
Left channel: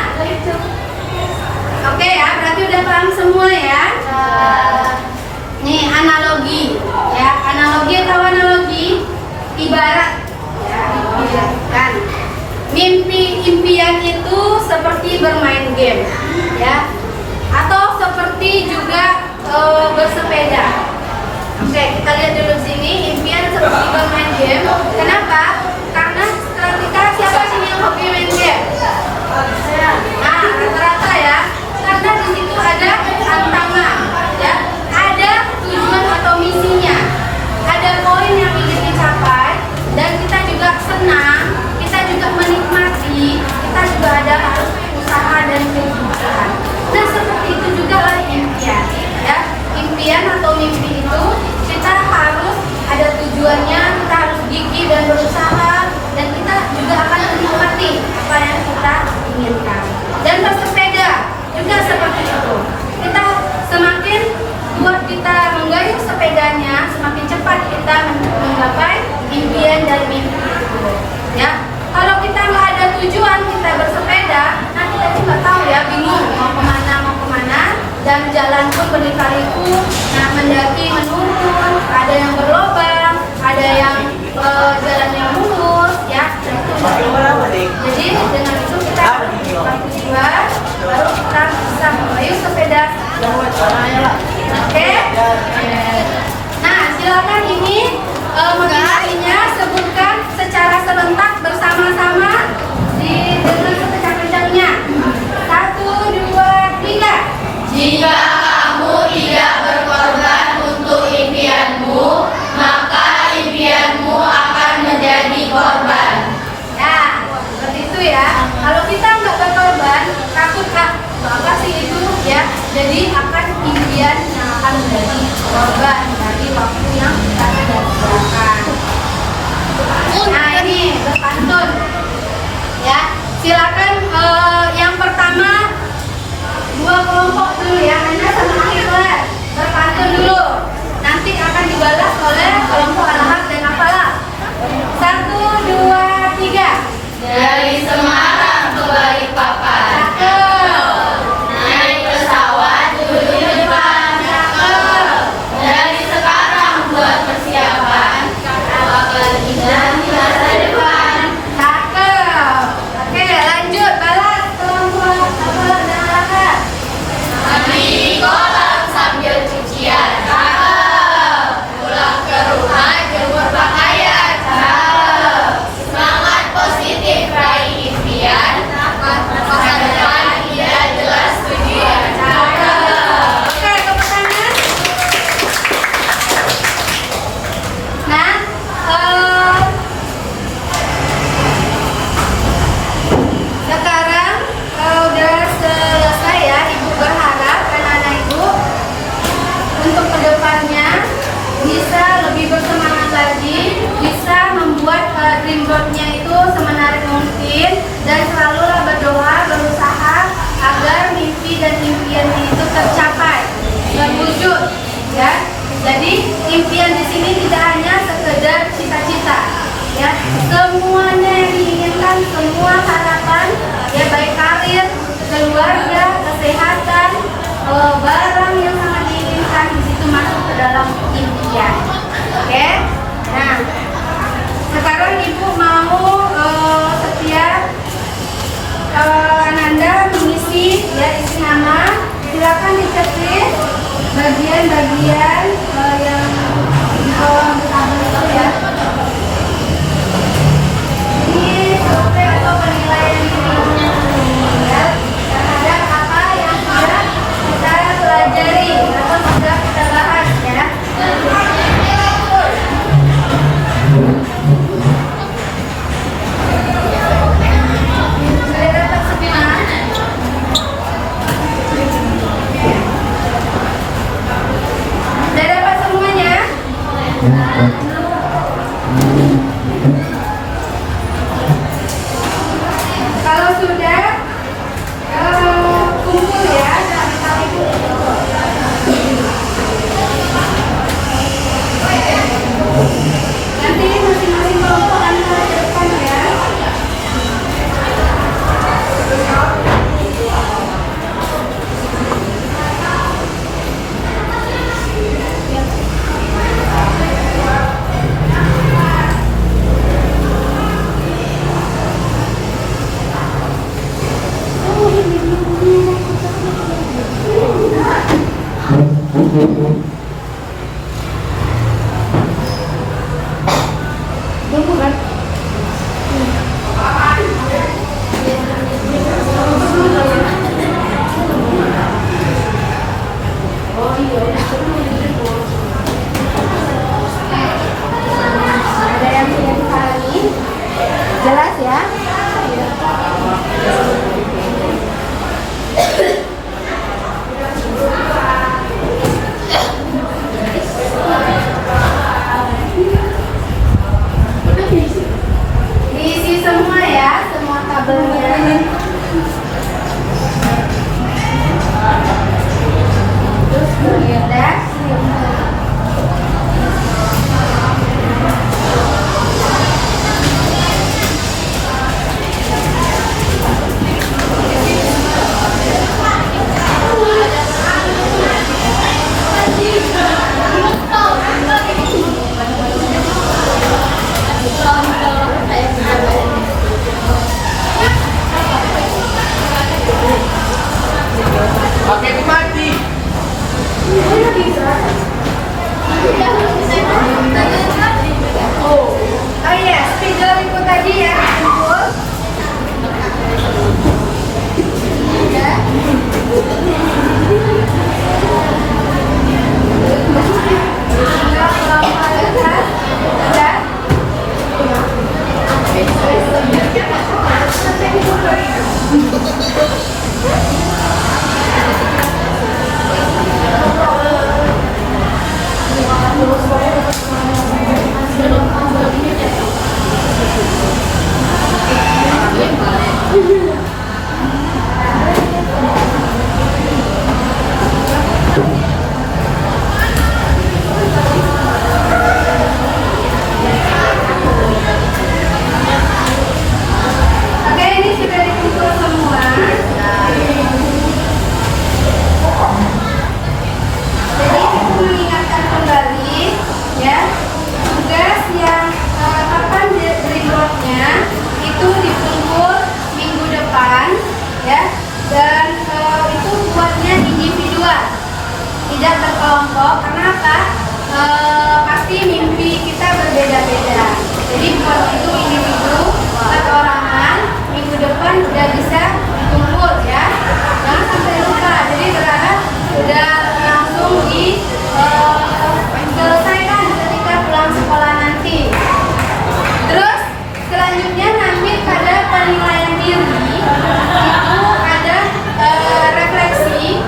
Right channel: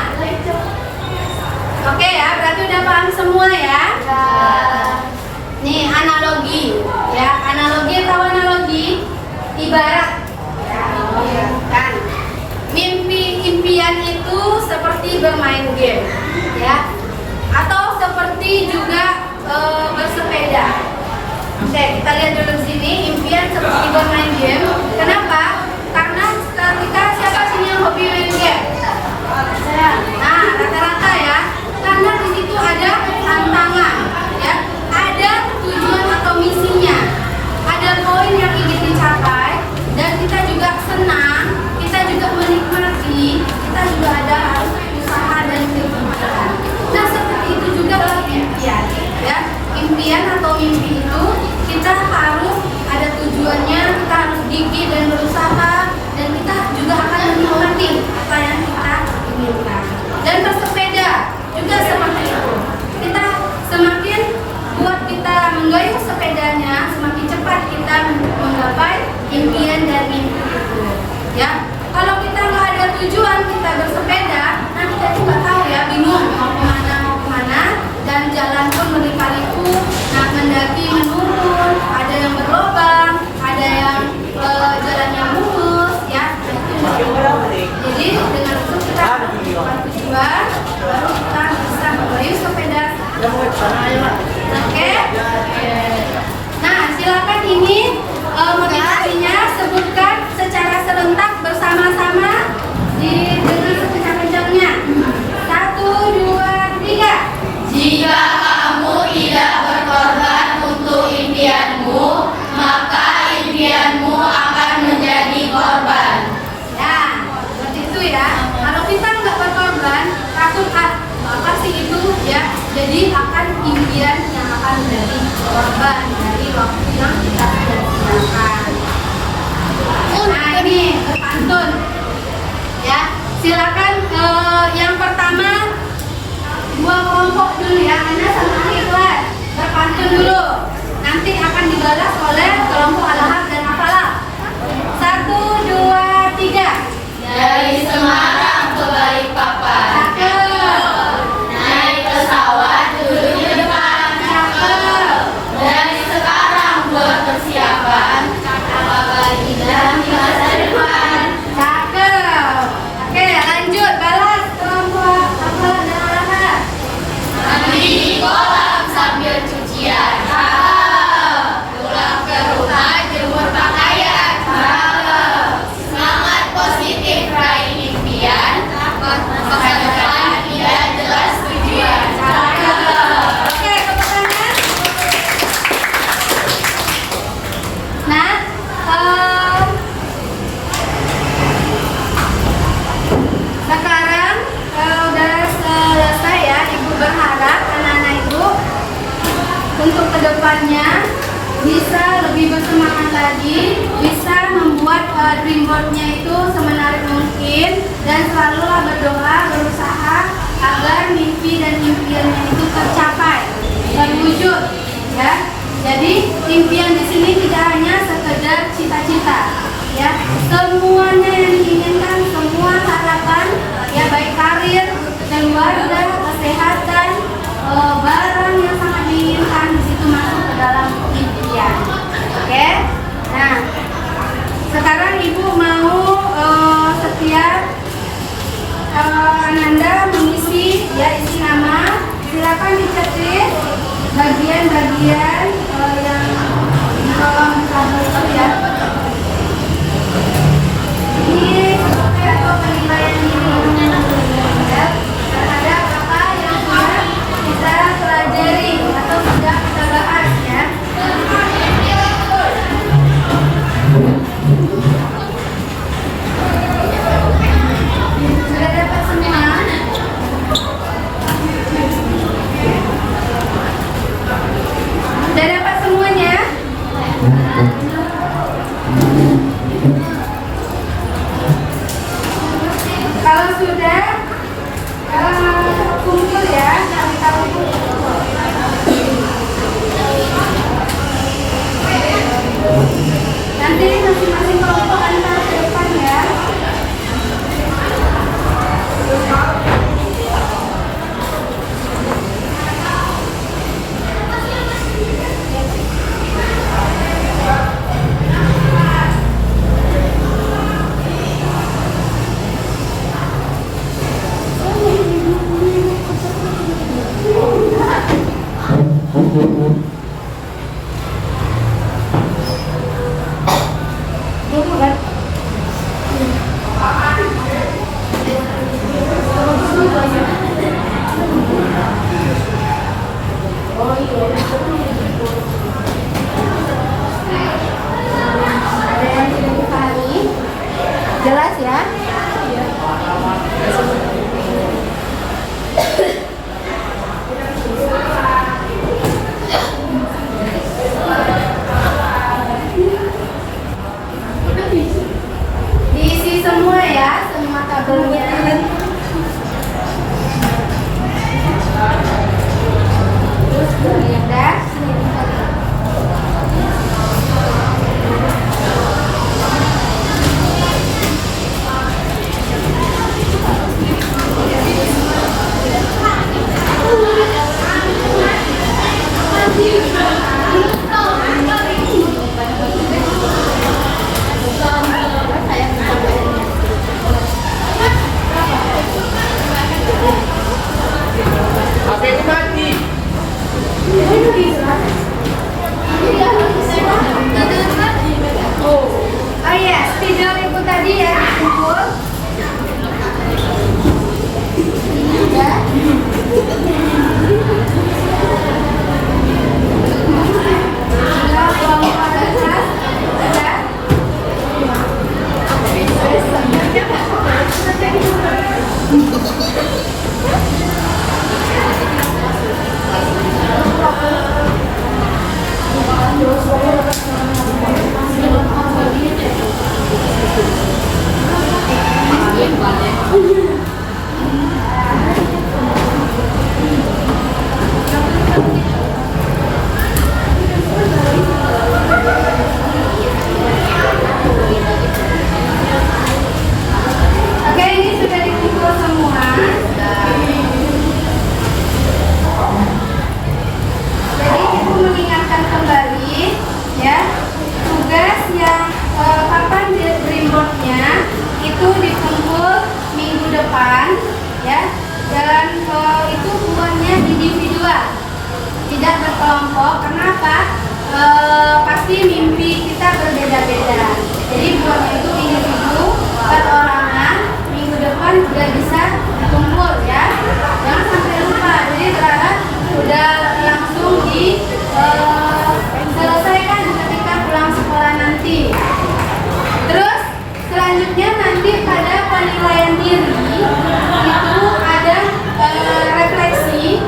oke ya, berarti udah paham semua ya. Nih analogi, ya analogi atau analogi ibarat, ya, kan? Impian itu seperti bermain game, ya, atau seperti juga bersepeda. Oke, kita lihat dulu di sini. Impian seperti bermain game. Kenapa? Karena ketika siapa sini yang hobi main game? Nah, rata-rata ya. Karena di situ ada tantangan, ya, ada tujuan atau misinya, ada poin yang ingin dicapai, dan kita juga senang, kita juga menikmati, kita juga ada harus usaha dan jadi akan impian yang akan menjadi korban dari waktu yang kita sia-siakan. Nah ini berpantun ya, silakan yang pertama dua kelompok dulu ya, Ana sama akhir kelas berpantun dulu, nanti akan dibalas oleh kelompok Al-Haq dan Afalah. 1, 2, 3. Dari Semarang ke Balikpapan, Cakep. naik pesawat duduk di depan, dari sekarang buat persiapan, bakal indah di masa depan. Cakep. Oke, lanjut balas kelompok Afalah dan Al-Haq. Mandi di kolam sambil cucian, pulang ke rumah jemur pakaian, semangat positif raih impian, masa depan tidak jelas tujuan. Oke, tepuk tangan. Nah, sekarang udah selesai ya. Ibu berharap anak-anak ibu untuk kedepannya bisa lebih bersemangat lagi, bisa membuat dreamboardnya itu semenarik mungkin, dan selalulah berdoa, berusaha agar mimpi dan impiannya itu tercapai, terwujud, ya. Jadi impian di sini tidak hanya sekedar cita-cita, ya. Semuanya yang diinginkan, semua harapan, ya baik karir, keluarga, kesehatan, barang yang sangat diinginkan di situ masuk ke dalam impian. Oke. Nah, sekarang ibu mau setiap Ananda mengisi ya isi nama. Silakan diketik bagian-bagian yang di kolom tabel itu ya. Ini survei atau penilaian diri ya, terhadap apa yang sudah kita pelajari atau sudah kita bahas ya. Sudah dapat semua? Sudah dapat semuanya? Kalau sudah, kumpul ya, kali-kali kumpul. Nanti masing-masing kelompok antar ke depan ya. Ada yang sudah dipahami? Jelas ya? Diisi semua ya, semua tabelnya. Terus udah. Oh iya, spidol itu tadi ya dikumpul. Ya. Oke, ini sudah dipikul semua. Jadi aku mengingatkan kembali ya, tugas yang papan dreamworknya itu dikumpul minggu depan ya, dan itu buatnya individual, tidak berkelompok. Kenapa? Pasti mimpi kita berbeda-beda. Jadi buat itu individu, perorangan, minggu depan udah bisa dikumpul ya. Jangan sampai lupa. Jadi berharap sudah langsung diselesaikan ketika pulang sekolah nanti. Terus selanjutnya nanti pada penilaian diri itu ada refleksi.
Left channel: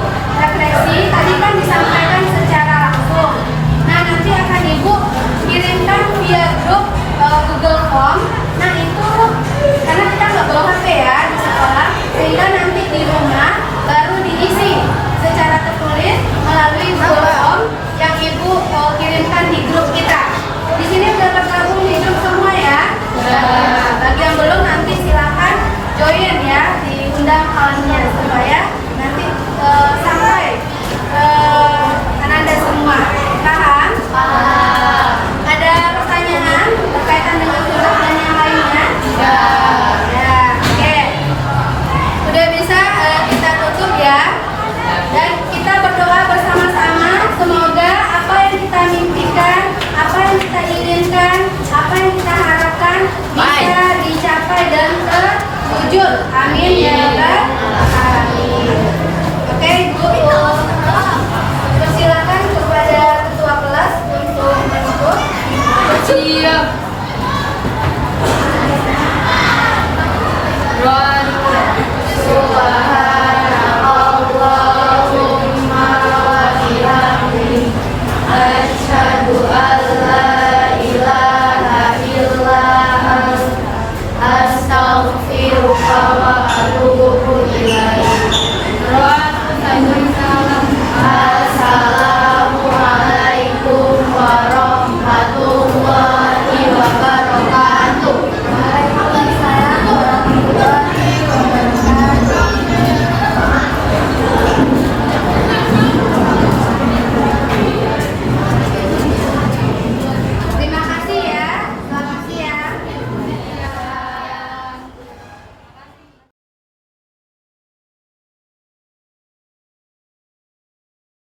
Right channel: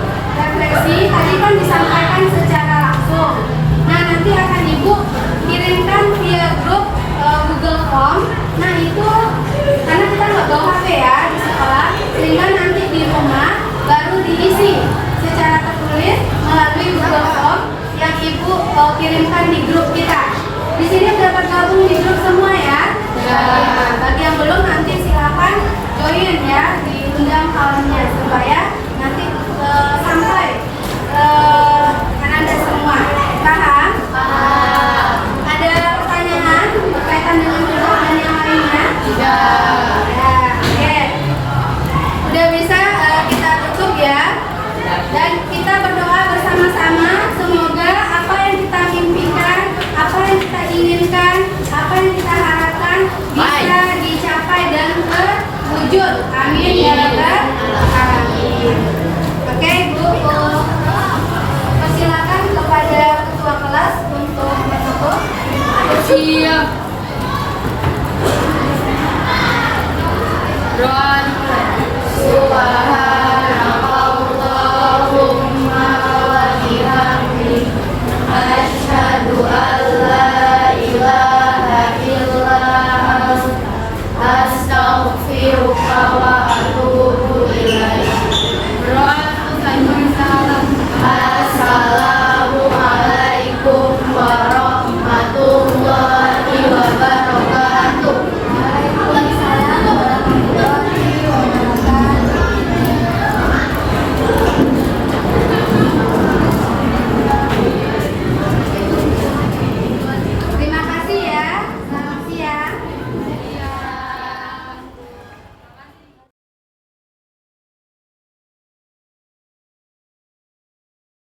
Tadi kan disampaikan secara langsung. Nah, nanti akan Ibu kirimkan via grup Google Form. Nah, itu karena kita nggak bawa HP ya di sekolah, sehingga nanti di rumah baru diisi secara tertulis melalui Google Form yang Ibu kirimkan di grup kita. Di sini sudah tergabung di grup semua ya. Nah, bagi yang belum nanti silakan join ya, diundang kawannya supaya nanti sampai Anda semua. Paham? Ada pertanyaan berkaitan dengan grup dan yang lainnya? Ya, oke. Sudah bisa kita tutup ya. Dan kita berdoa bersama-sama, semoga apa yang kita mimpikan, apa yang kita inginkan, apa yang kita harapkan bisa dicapai dan terwujud. Amin ya Rabbal